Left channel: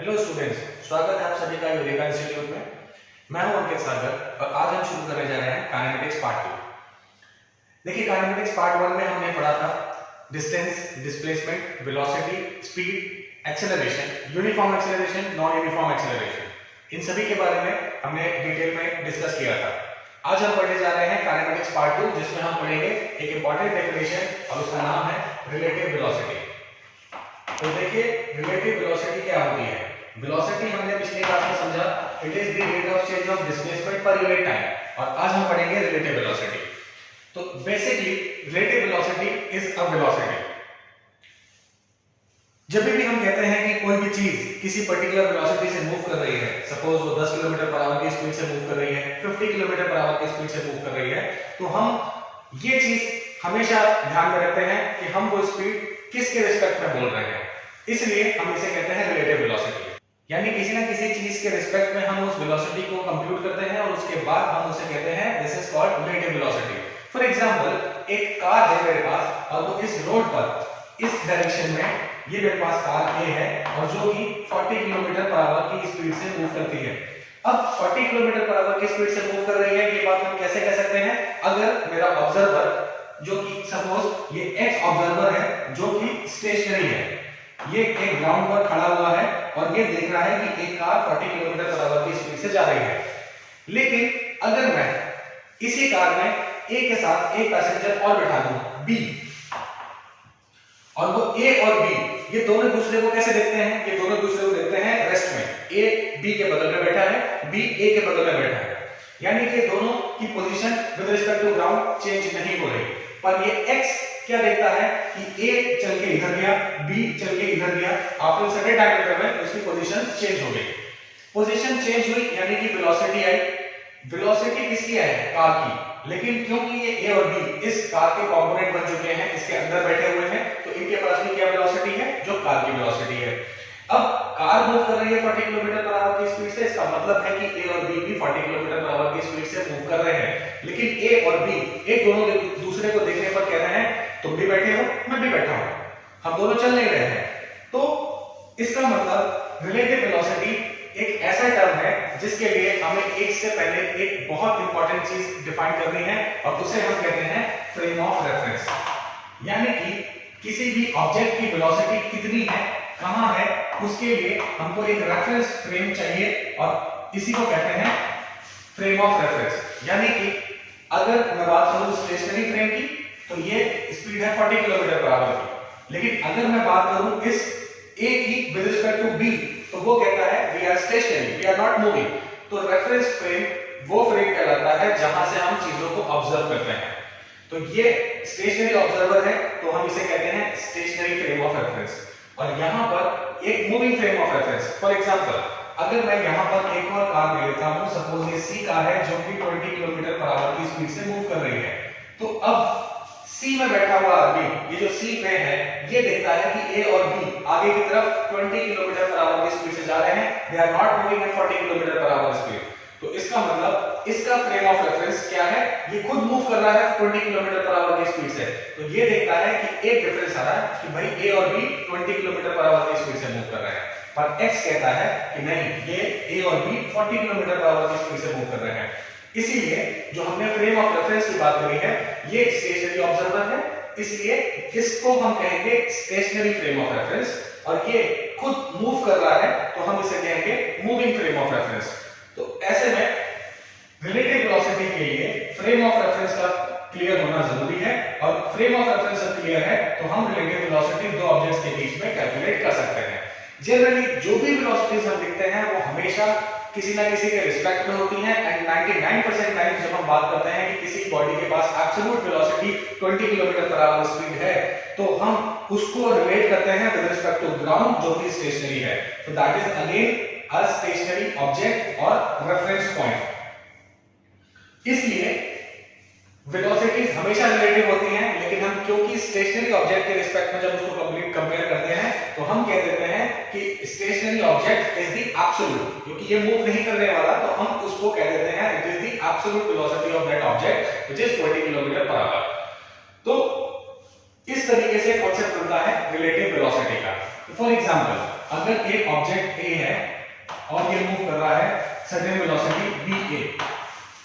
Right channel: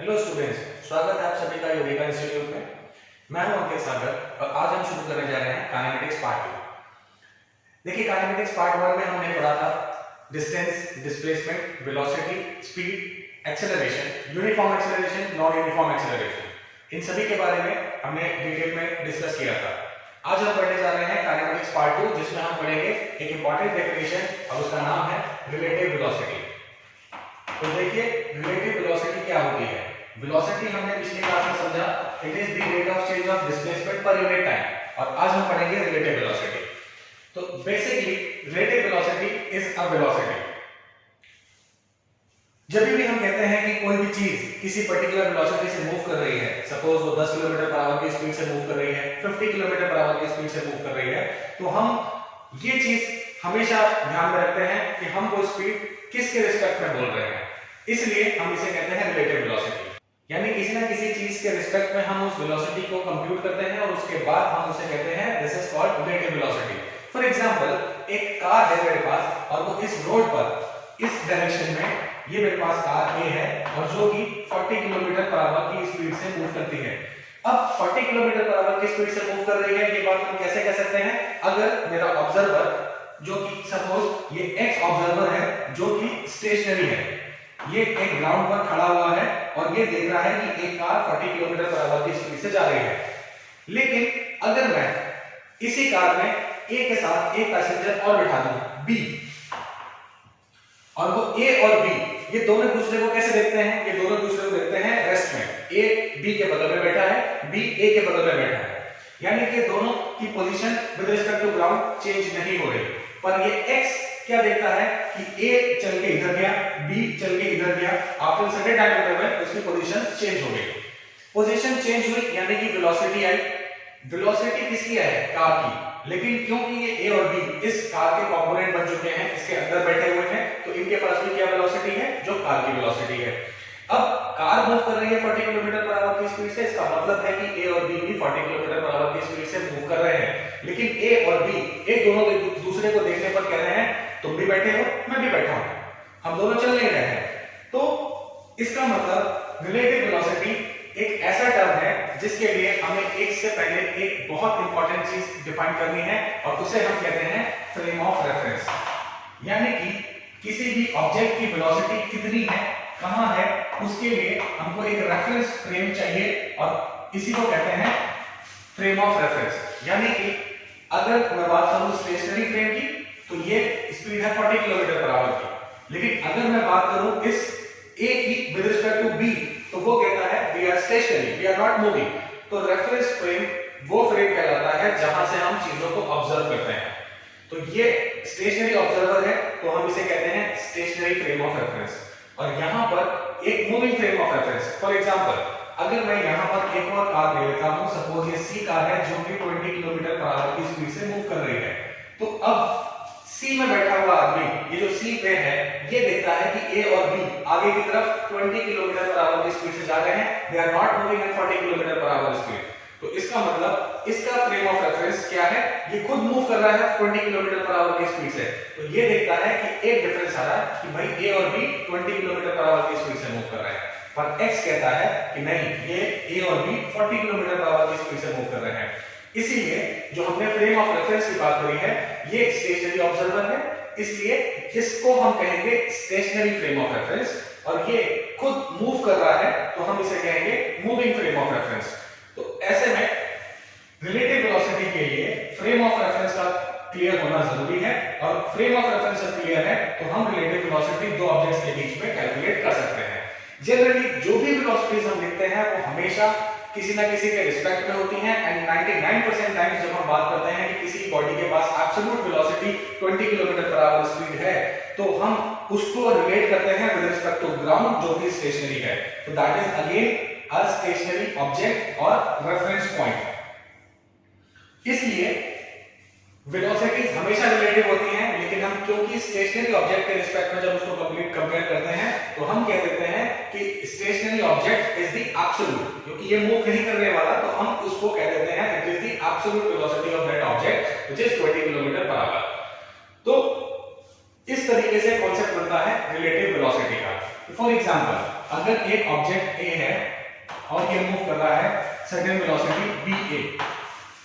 Hello students, स्वागत है आप सभी का यूरेका इंस्टीट्यूट में। मैं हूं अंकित सागर और आज हम शुरू करने जा रहे हैं काइनेमेटिक्स पार्ट 2। देखिए, काइनेमेटिक्स पार्ट 1 में हमने पढ़ा था distance, displacement, velocity, speed, acceleration, uniform acceleration, non uniform acceleration. इन सभी के बारे में हमने डिटेल में डिस्कस किया था। आज हम पढ़ने जा रहे हैं काइनेमेटिक्स पार्ट 2, जिसमें हम पढ़ेंगे एक इंपॉर्टेंट डेफिनेशन और उसका नाम है रिलेटिव वेलोसिटी। तो देखिए, रिलेटिव वेलोसिटी क्या होती है। वेलोसिटी हमने पिछली क्लास में समझा, it is the rate of change of displacement per unit time, और आज हम पढ़ेंगे रिलेटिव वेलोसिटी। तो basically relative velocity is a velocity. जब भी हम कहते हैं कि कोई भी चीज किसी पर्टिकुलर वेलोसिटी से मूव कर रही है, सपोज वो 10 किलोमीटर पर आवर की स्पीड से मूव कर रही है, 50 किलोमीटर पर आवर की स्पीड से मूव कर रही है, तो हम ये चीज हमेशा ध्यान में रखते हैं कि हम वो स्पीड किसके रिस्पेक्ट में बोल रहे हैं, इसलिए हम इसे कहते हैं रिलेटिव वेलोसिटी। यानी किसी ना किसी चीज के रिस्पेक्ट में हम उस वेलोसिटी को कंप्यूट करते हैं और उसके बाद हम उसे कहते हैं this is called relative velocity. For example, एक कार है मेरे पास और वो इस रोड पर इस डायरेक्शन में, ये मेरे पास कार ए है और जो कि 40 किलोमीटर पर आवर की स्पीड से मूव करती है। अब 40 किलोमीटर पर आवर की स्पीड से मूव कर रही है, ये बात हम कैसे कह सकते हैं? अगर मेरा ऑब्जर्वर, जो कि सपोज ये एक्स ऑब्जर्वर है जो कि स्टेशनरी है, ये एक ग्राउंड पर खड़ा हुआ है और ये देख रहा है कि एक कार 40 किलोमीटर पर आवर की स्पीड से जा रही है। लेकिन अगर मैं इसी कार में ए के साथ एक पैसेंजर और बिठा दूं, बी, और वो ए और बी ये दोनों दूसरे को कैसे देखते हैं? ये दोनों दूसरे को देखते हैं रेस्ट में। ए बी के बगल में बैठा है, बी ए के बगल में बैठा है, यानी कि दोनों की position with respect to ground change नहीं हो रही। पर ये एक्स क्या देखता है कि ए चल के इधर गया, बी चल के इधर गया, आफ्टर सर्टेन टाइम इंटरवल में उसकी पोजीशन चेंज हो गई। पोजीशन चेंज हुई यानी कि वेलोसिटी आई। वेलोसिटी किसकी है? कार की। लेकिन क्योंकि ये ए और बी इस कार के कंपोनेंट बन चुके हैं, इसके अंदर बैठे हुए हैं, तो इनके पास भी क्या वेलोसिटी है? जो कार की वेलोसिटी है। अब कार मूव कर रही है 40 किलोमीटर पर आवर की स्पीड से, इसका मतलब है कि ए और बी भी 40 किलोमीटर पर आवर की स्पीड से मूव कर रहे हैं। लेकिन ए और बी एक दोनों दूसरे को देखने पर कह रहे हैं तुम भी बैठे हो, मैं भी बैठा हूं, हम दोनों चल नहीं रहे हैं। तो इसका मतलब रिलेटिव वेलोसिटी एक ऐसा टर्म है जिसके लिए हमें एक से पहले एक बहुत इंपॉर्टेंट चीज डिफाइन करनी है और उसे हम कहते हैं फ्रेम ऑफ रेफरेंस। यानी कि किसी भी ऑब्जेक्ट की वेलोसिटी कितनी है, कहां है, उसके लिए हमको एक रेफरेंस फ्रेम चाहिए और इसी को कहते हैं फ्रेम ऑफ रेफरेंस। यानी कि अगर मैं बात करूं स्टेशनरी फ्रेम की, तो ये स्पीड है 40 किलोमीटर पर आवर की। लेकिन अगर मैं बात करूं इस ए की विद रिस्पेक्ट टू बी, तो वो कहता है we are stationary, we are not moving. तो रेफरेंस फ्रेम वो फ्रेम कहलाता है जहां से हम चीजों को ऑब्जर्व करते हैं। तो ये स्टेशनरी ऑब्जर्वर है, तो हम इसे कहते हैं स्टेशनरी फ्रेम ऑफ रेफरेंस। और यहां पर एक moving frame of reference. For example, अगर मैं यहां पर एक और कार ले लेता हूं, सपोज ये सी कार है जो कि 20 किलोमीटर पर आवर की स्पीड से मूव कर रही है, तो अब सी में बैठा हुआ आदमी, ये जो सी पे है, ये देखता है कि ए और बी आगे की तरफ 20 किलोमीटर पर आवर की स्पीड से जा रहे हैं, they are not moving at 40 kilometre per hour speed. तो इसका मतलब इसका फ्रेम ऑफ रेफरेंस क्या है? ये खुद मूव कर रहा है 20 किलोमीटर पर आवर की स्पीड से, तो ये देखता है कि एक डिफरेंस आ रहा है कि भाई ए और बी 20 किलोमीटर पर आवर की स्पीड से मूव कर रहे हैं। पर एक्स कहता है कि नहीं, ये ए और बी 40 किलोमीटर पर आवर की स्पीड से मूव कर रहे हैं। इसीलिए जो हमने फ्रेम ऑफ रेफरेंस की बात करी है, ये स्टेशनरी ऑब्जर्वर है, इसलिए इसको हम कहेंगे स्टेशनरी फ्रेम ऑफ रेफरेंस। और ये खुद मूव कर रहा है, तो हम इसे कहेंगे मूविंग फ्रेम ऑफ रेफरेंस। तो ऐसे में रिलेटिव वेलोसिटी के लिए फ्रेम ऑफ रेफरेंस का क्लियर होना जरूरी है, और फ्रेम ऑफ रेफरेंस जब क्लियर है तो हम रिलेटिव वेलोसिटी दो ऑब्जेक्ट्स के बीच में कैलकुलेट कर सकते हैं। जनरली जो भी वेलोसिटीज हम लिखते हैं वो हमेशा किसी ना किसी के रिस्पेक्ट में होती हैं, एंड 99% टाइम्स जब हम बात करते हैं कि किसी बॉडी के पास absolute velocity 20 kilometre per hour speed है, तो हम उसको रिलेट करते हैं विद रिस्पेक्ट टू ग्राउंड जो कि स्टेशनरी है। तो that is again a stationary object और रेफरेंस पॉइंट। इसलिए वेलोसिटीज हमेशा रिलेटिव होती हैं, लेकिन हम क्योंकि स्टेशनरी ऑब्जेक्ट के रिस्पेक्ट में जब उसको कंपेयर करते हैं, तो हम कह देते हैं कि stationary object is the absolute, क्योंकि ये मूव नहीं करने वाला, तो हम उसको कह देते हैं it is the absolute velocity of that object which is 20 kilometre per hour. तो इस तरीके से कॉन्सेप्ट बनता है रिलेटिव वेलोसिटी का। फॉर एग्जांपल, अगर एक ऑब्जेक्ट ए है और ये मूव कर रहा है सर्टेन वेलोसिटी va,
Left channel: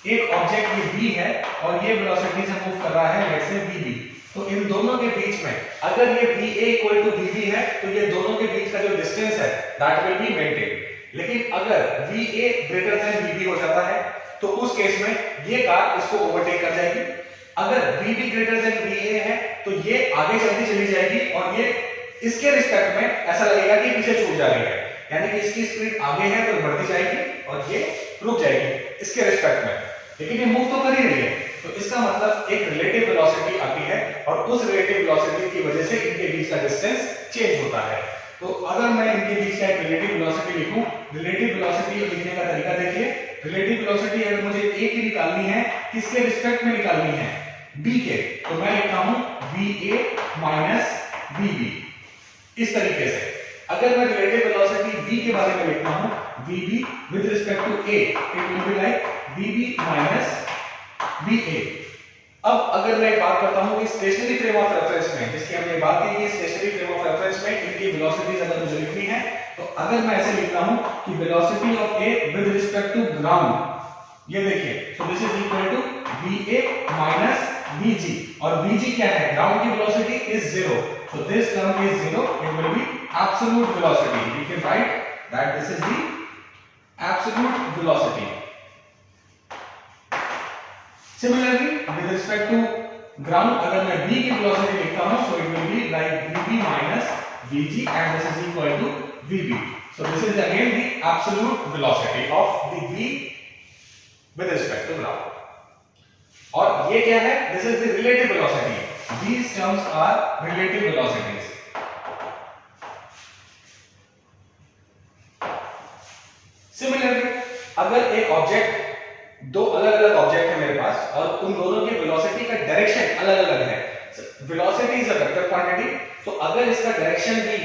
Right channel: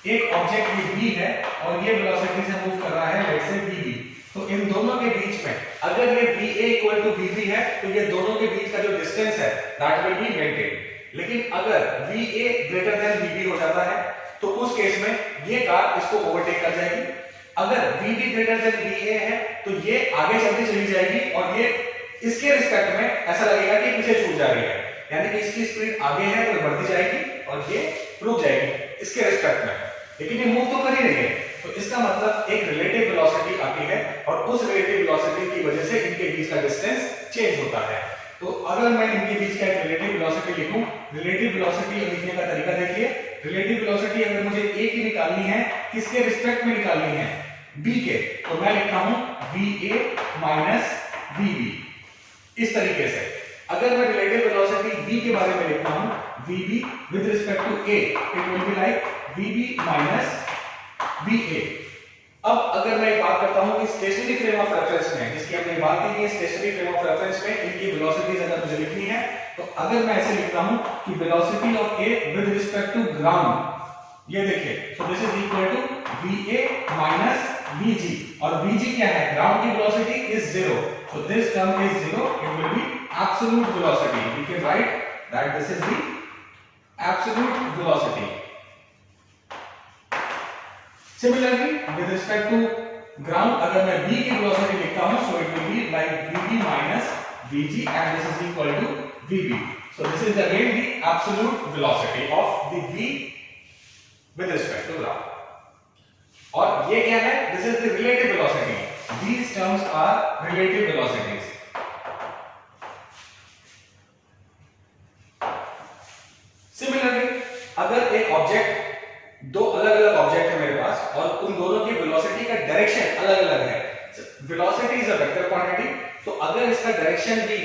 एक ऑब्जेक्ट ये b है और ये वेलोसिटी से मूव कर रहा है लेट्स से vb, तो इन दोनों के बीच में अगर ये va इक्वल टू vb है तो ये दोनों के बीच का जो डिस्टेंस है दैट विल बी मेंटेन। लेकिन अगर va ग्रेटर देन vb हो जाता है तो उस केस में ये कार इसको ओवरटेक कर जाएगी। अगर vb ग्रेटर देन va है तो ये आगे चलती चली जाएगी और ये इसके रिस्पेक्ट में ऐसा लगेगा कि पीछे छूट जा रही है, यानी कि इसकी स्पीड आगे है तो बढ़ती जाएगी और ये रुक जाएगी इसके रिस्पेक्ट में, लेकिन ये मूव तो कर ही रही है। तो इसका मतलब एक रिलेटिव वेलोसिटी आती है और उस रिलेटिव वेलोसिटी की वजह से इनके बीच का डिस्टेंस चेंज होता है। तो अगर मैं इनके बीच का एक रिलेटिव वेलोसिटी लिखूं, रिलेटिव वेलोसिटी लिखने का तरीका देखिए। रिलेटिव वेलोसिटी अगर मुझे a की निकालनी है, किसके रिस्पेक्ट में निकालनी है? b के, तो मैं लिखता हूं va माइनस vb इस तरीके से। अगर मैं रिलेटिव वेलोसिटी b के बारे में लिखता हूं vb with respect to a, it will be like vb minus va। अब अगर मैं बात करता हूं कि स्टेशनरी फ्रेम ऑफ रेफरेंस में, जिसकी हमने बात की है, स्टेशनरी फ्रेम ऑफ रेफरेंस में इनकी वेलोसिटीज अगर मुझे लिखनी है तो अगर मैं ऐसे लिखता हूं कि velocity of a with respect to ground, ये देखिए, so this is equal to va minus vg, और vg क्या है? ग्राउंड की velocity is 0, so this term is 0, it will be absolute velocity. We can write that this is the absolute velocity. Similarly, with respect to ground, अगर मैं v की velocity लिखता हूं, so it will be like vb minus vg and this is equal to vb. So this is again the absolute velocity of the v with respect to ground. और ये क्या है? This is the relative velocity. These terms are relative velocities. Similarly, अगर एक object, दो अलग अलग object है मेरे पास और उन दोनों की वेलोसिटी का डायरेक्शन अलग अलग है, velocity is a vector quantity, तो अगर इसका डायरेक्शन भी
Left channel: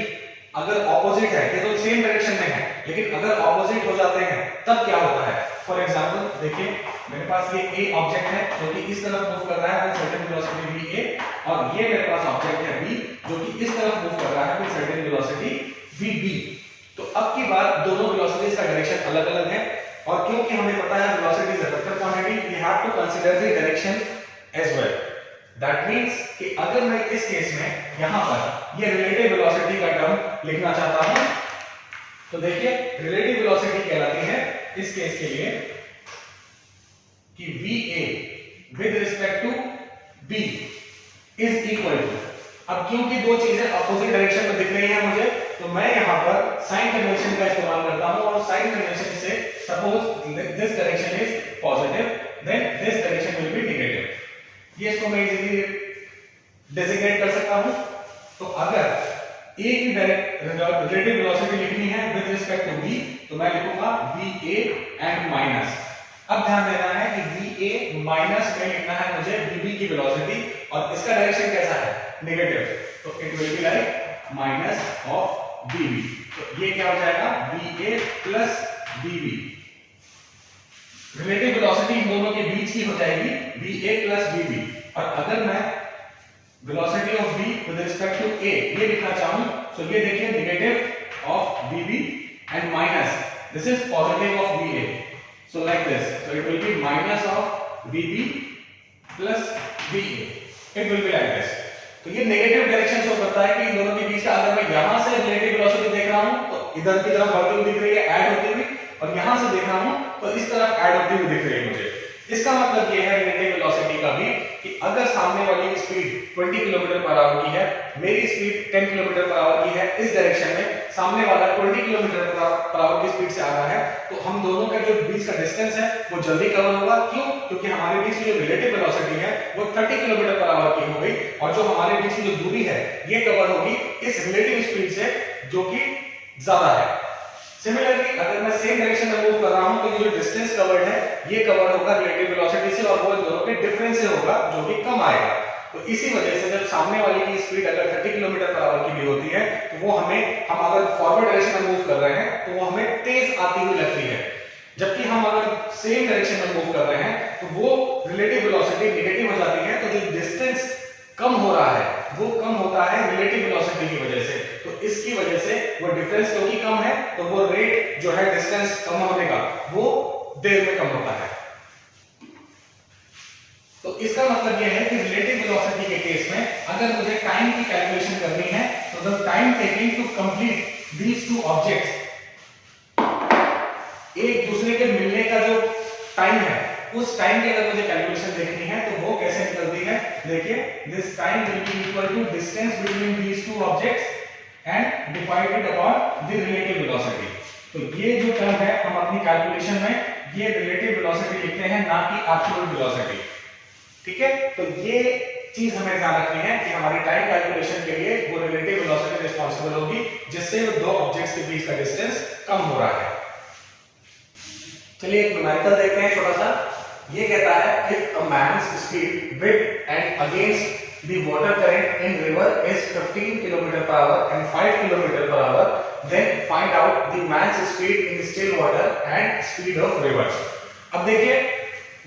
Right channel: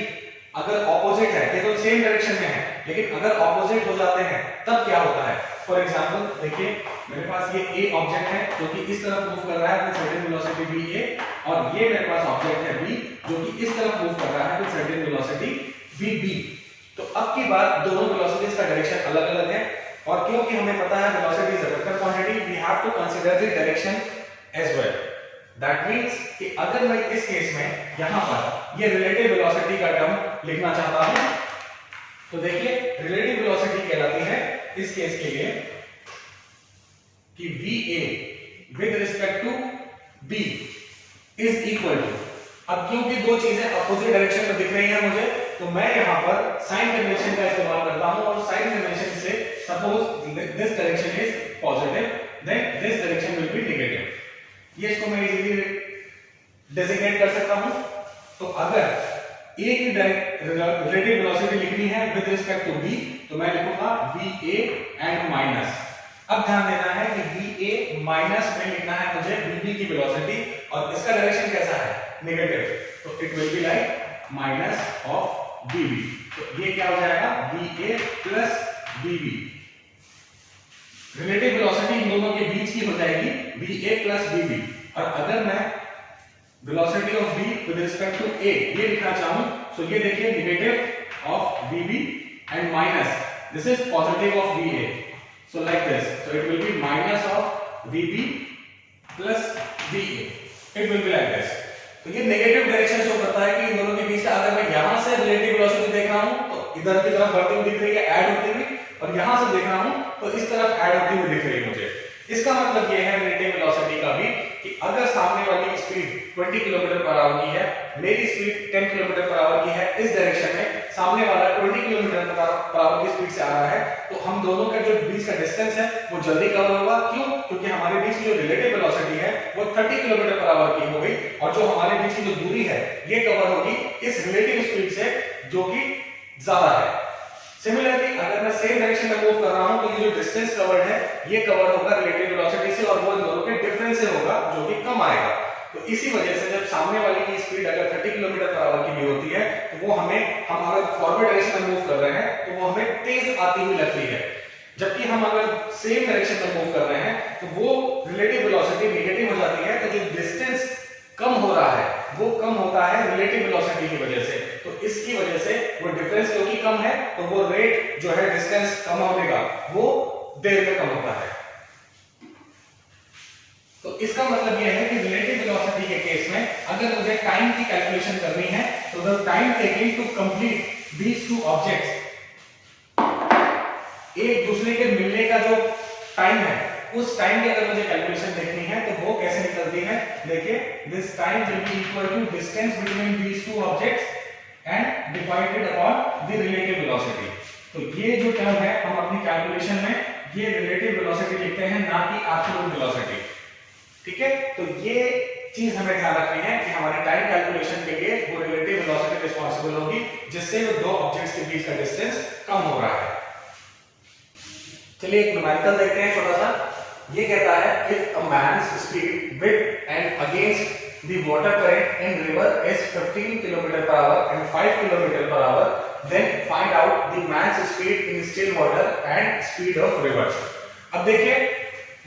अगर ऑपोजिट है, ये तो सेम डायरेक्शन में है, लेकिन अगर ऑपोजिट हो जाते हैं तब क्या होता है? फॉर एग्जांपल देखिए, मेरे पास ये ए ऑब्जेक्ट है जो कि इस तरफ मूव कर रहा है विद सर्टेन वेलोसिटी va, और ये मेरे पास ऑब्जेक्ट है बी जो कि इस तरफ मूव कर रहा है विद सर्टेन वेलोसिटी vb। तो अब की बात, दोनों वेलोसिटीज का डायरेक्शन अलग अलग है, और क्योंकि हमें पता है velocity is a vector quantity, we have to consider the direction as well. That means कि अगर मैं इस केस में यहां पर ये रिलेटिव वेलोसिटी का टर्म लिखना चाहता हूं, तो देखिए रिलेटिव वेलोसिटी कहलाती है इस केस के लिए कि va with respect to b is equal to, अब क्योंकि दो चीजें अपोजिट डायरेक्शन में दिख रही हैं मुझे, तो मैं यहां पर साइन कन्वेंशन का इस्तेमाल करता हूं, और साइन कन्वेंशन से suppose this direction is positive, then this direction will be negative. ये इसको मैं इजीली डेजिग्नेट कर सकता हूं। तो अगर a की रिलेटिव वेलोसिटी लिखनी है विद रिस्पेक्ट टू b, तो मैं लिखूंगा va एंड माइनस। अब ध्यान देना है कि va माइनस में लिखना है मुझे vb की वेलोसिटी, और इसका डायरेक्शन कैसा है? नेगेटिव, तो it will be like minus of vb। तो ये क्या हो जाएगा? va plus vb। Relative velocity इन दोनों के बीच की हो जाएगी va प्लस vb, और अगर मैं velocity of v with respect to a ये लिखना चाहूं, सो ये देखिए negative of vb and minus this is positive of va, so like this, so it will be minus of vb plus va, it will be like this. तो ये negative direction show करता है कि इन दोनों के बीच का, अगर मैं यहां से रिलेटिव वेलोसिटी देख रहा हूं तो इधर की तरफ बढ़ती हुई दिख रही है, ऐड होती हुई, और यहां से देख रहा हूं तो इस तरफ ऐड होती हुई दिख रही है मुझे। इसका मतलब ये है रिलेटिव वेलोसिटी का भी कि अगर सामने वाली स्पीड 20 किलोमीटर पर आवर की है, मेरी स्पीड 10 किलोमीटर पर आवर की है इस डायरेक्शन में, सामने वाला 20 किलोमीटर पर आवर की स्पीड से आ रहा है, तो हम दोनों का जो बीच का डिस्टेंस है वो जल्दी कवर होगा। क्यों? क्योंकि हमारे बीच की जो रिलेटिव वेलोसिटी है वो 30 किलोमीटर पर आवर की हो गई, और जो हमारे बीच की जो दूरी है ये कवर होगी इस रिलेटिव स्पीड से जो कि ज्यादा है। सिमिलरली अगर मैं सेम डायरेक्शन में मूव कर रहा हूं तो ये जो डिस्टेंस कवर्ड है ये कवर होगा रिलेटिव वेलोसिटी से, और वो इन दोनों के डिफरेंस से होगा जो कि कम आएगा। तो इसी वजह से जब सामने वाले की स्पीड अगर 30 किलोमीटर पर आवर की भी होती है तो वो हम अगर फॉरवर्ड डायरेक्शन में मूव कर रहे हैं तो वो हमें तेज आती हुई लगती है, जबकि हम अगर सेम डायरेक्शन में मूव कर रहे हैं तो वो रिलेटिव वेलोसिटी नेगेटिव हो जाती है। तो जो डिस्टेंस कम हो रहा है वो कम होता है रिलेटिव वेलोसिटी की वजह से। तो इसकी वजह से वो डिफरेंस क्योंकि कम है तो वो रेट जो है डिस्टेंस कम होने का वो देर में कम होता है। तो इसका मतलब यह है कि रिलेटिव वेलोसिटी के केस में अगर मुझे टाइम की कैलकुलेशन करनी है तो the time taking to complete these two objects, एक दूसरे के मिलने का जो टाइम है उस टाइम की अगर मुझे कैलकुलेशन देखनी है तो वो कैसे निकलती है, देखिए this time will be equal to distance between these two objects and divided upon the relative velocity. तो ये जो टर्म है हम अपनी कैलकुलेशन में ये रिलेटिव वेलोसिटी लिखते हैं, ना कि एब्सोल्यूट वेलोसिटी। ठीक है, तो ये चीज हमें ध्यान रखनी है कि हमारी टाइम कैलकुलेशन के लिए वो रिलेटिव वेलोसिटी रिस्पांसिबल होगी जिससे वो दो ऑब्जेक्ट्स के बीच का डिस्टेंस कम हो रहा है। चलिए एक न्यूमेरिकल देखते हैं छोटा सा। ये कहता है if a man's speed with and against the water current in river is 15 kilometre per hour and 5 kilometre per hour, then find out the man's speed in still water and speed of river. अब देखिए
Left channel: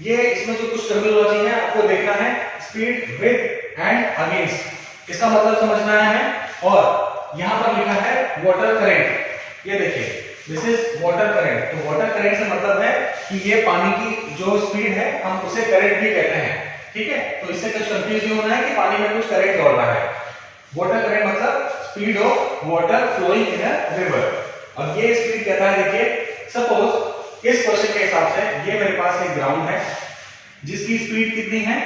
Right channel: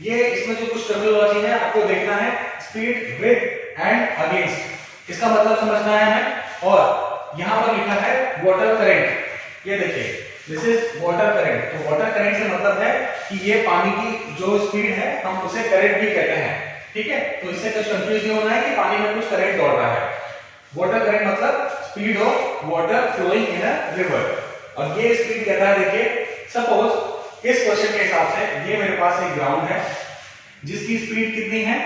ये इसमें जो कुछ terminology है आपको देखना है, स्पीड विद एंड अगेंस्ट, इसका मतलब समझना है हमें। और यहां पर लिखा है वाटर करंट, ये देखिए दिस इज वाटर करंट। तो वाटर करंट से मतलब है कि ये पानी की जो स्पीड है हम उसे करंट भी कहते हैं। ठीक है, तो इससे कुछ कंफ्यूज नहीं होना है कि पानी में कुछ करंट दौड़ रहा है। वाटर करंट मतलब speed of water flowing in a river. और ये स्पीड कहता है, देखिए सपोज इस क्वेश्चन के हिसाब से ये मेरे पास एक ग्राउंड है जिसकी स्पीड कितनी है,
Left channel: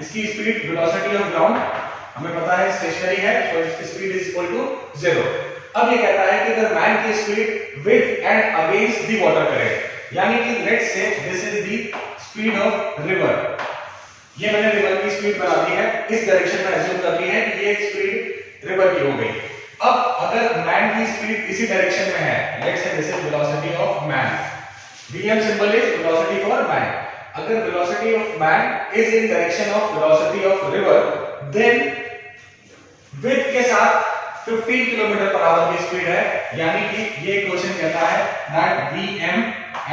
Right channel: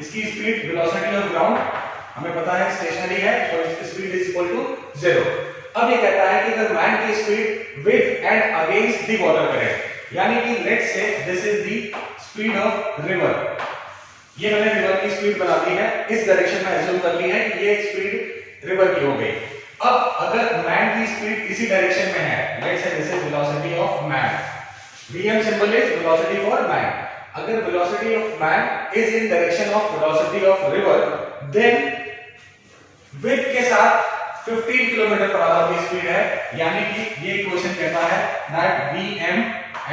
इसकी स्पीड वेलोसिटी ऑफ ग्राउंड हमें पता है स्टेशनरी है, सो इसकी स्पीड इज इक्वल टू 0। अब ये कहता है कि अगर मैन की speed with and against the water current, यानी कि let's say this is the speed of river, ये मैंने रिवर की स्पीड बना दी है, इस डायरेक्शन में अज्यूम कर ली है कि ये स्पीड रिवर की हो गई। अब अगर मैन की स्पीड इसी डायरेक्शन में है, let's say this is velocity of man, vm symbol is velocity for man. अगर velocity of man is in direction of velocity of river, then with के साथ 15 किलोमीटर पर आवर की speed है, यानी कि ये इक्वेशन कहता है that vm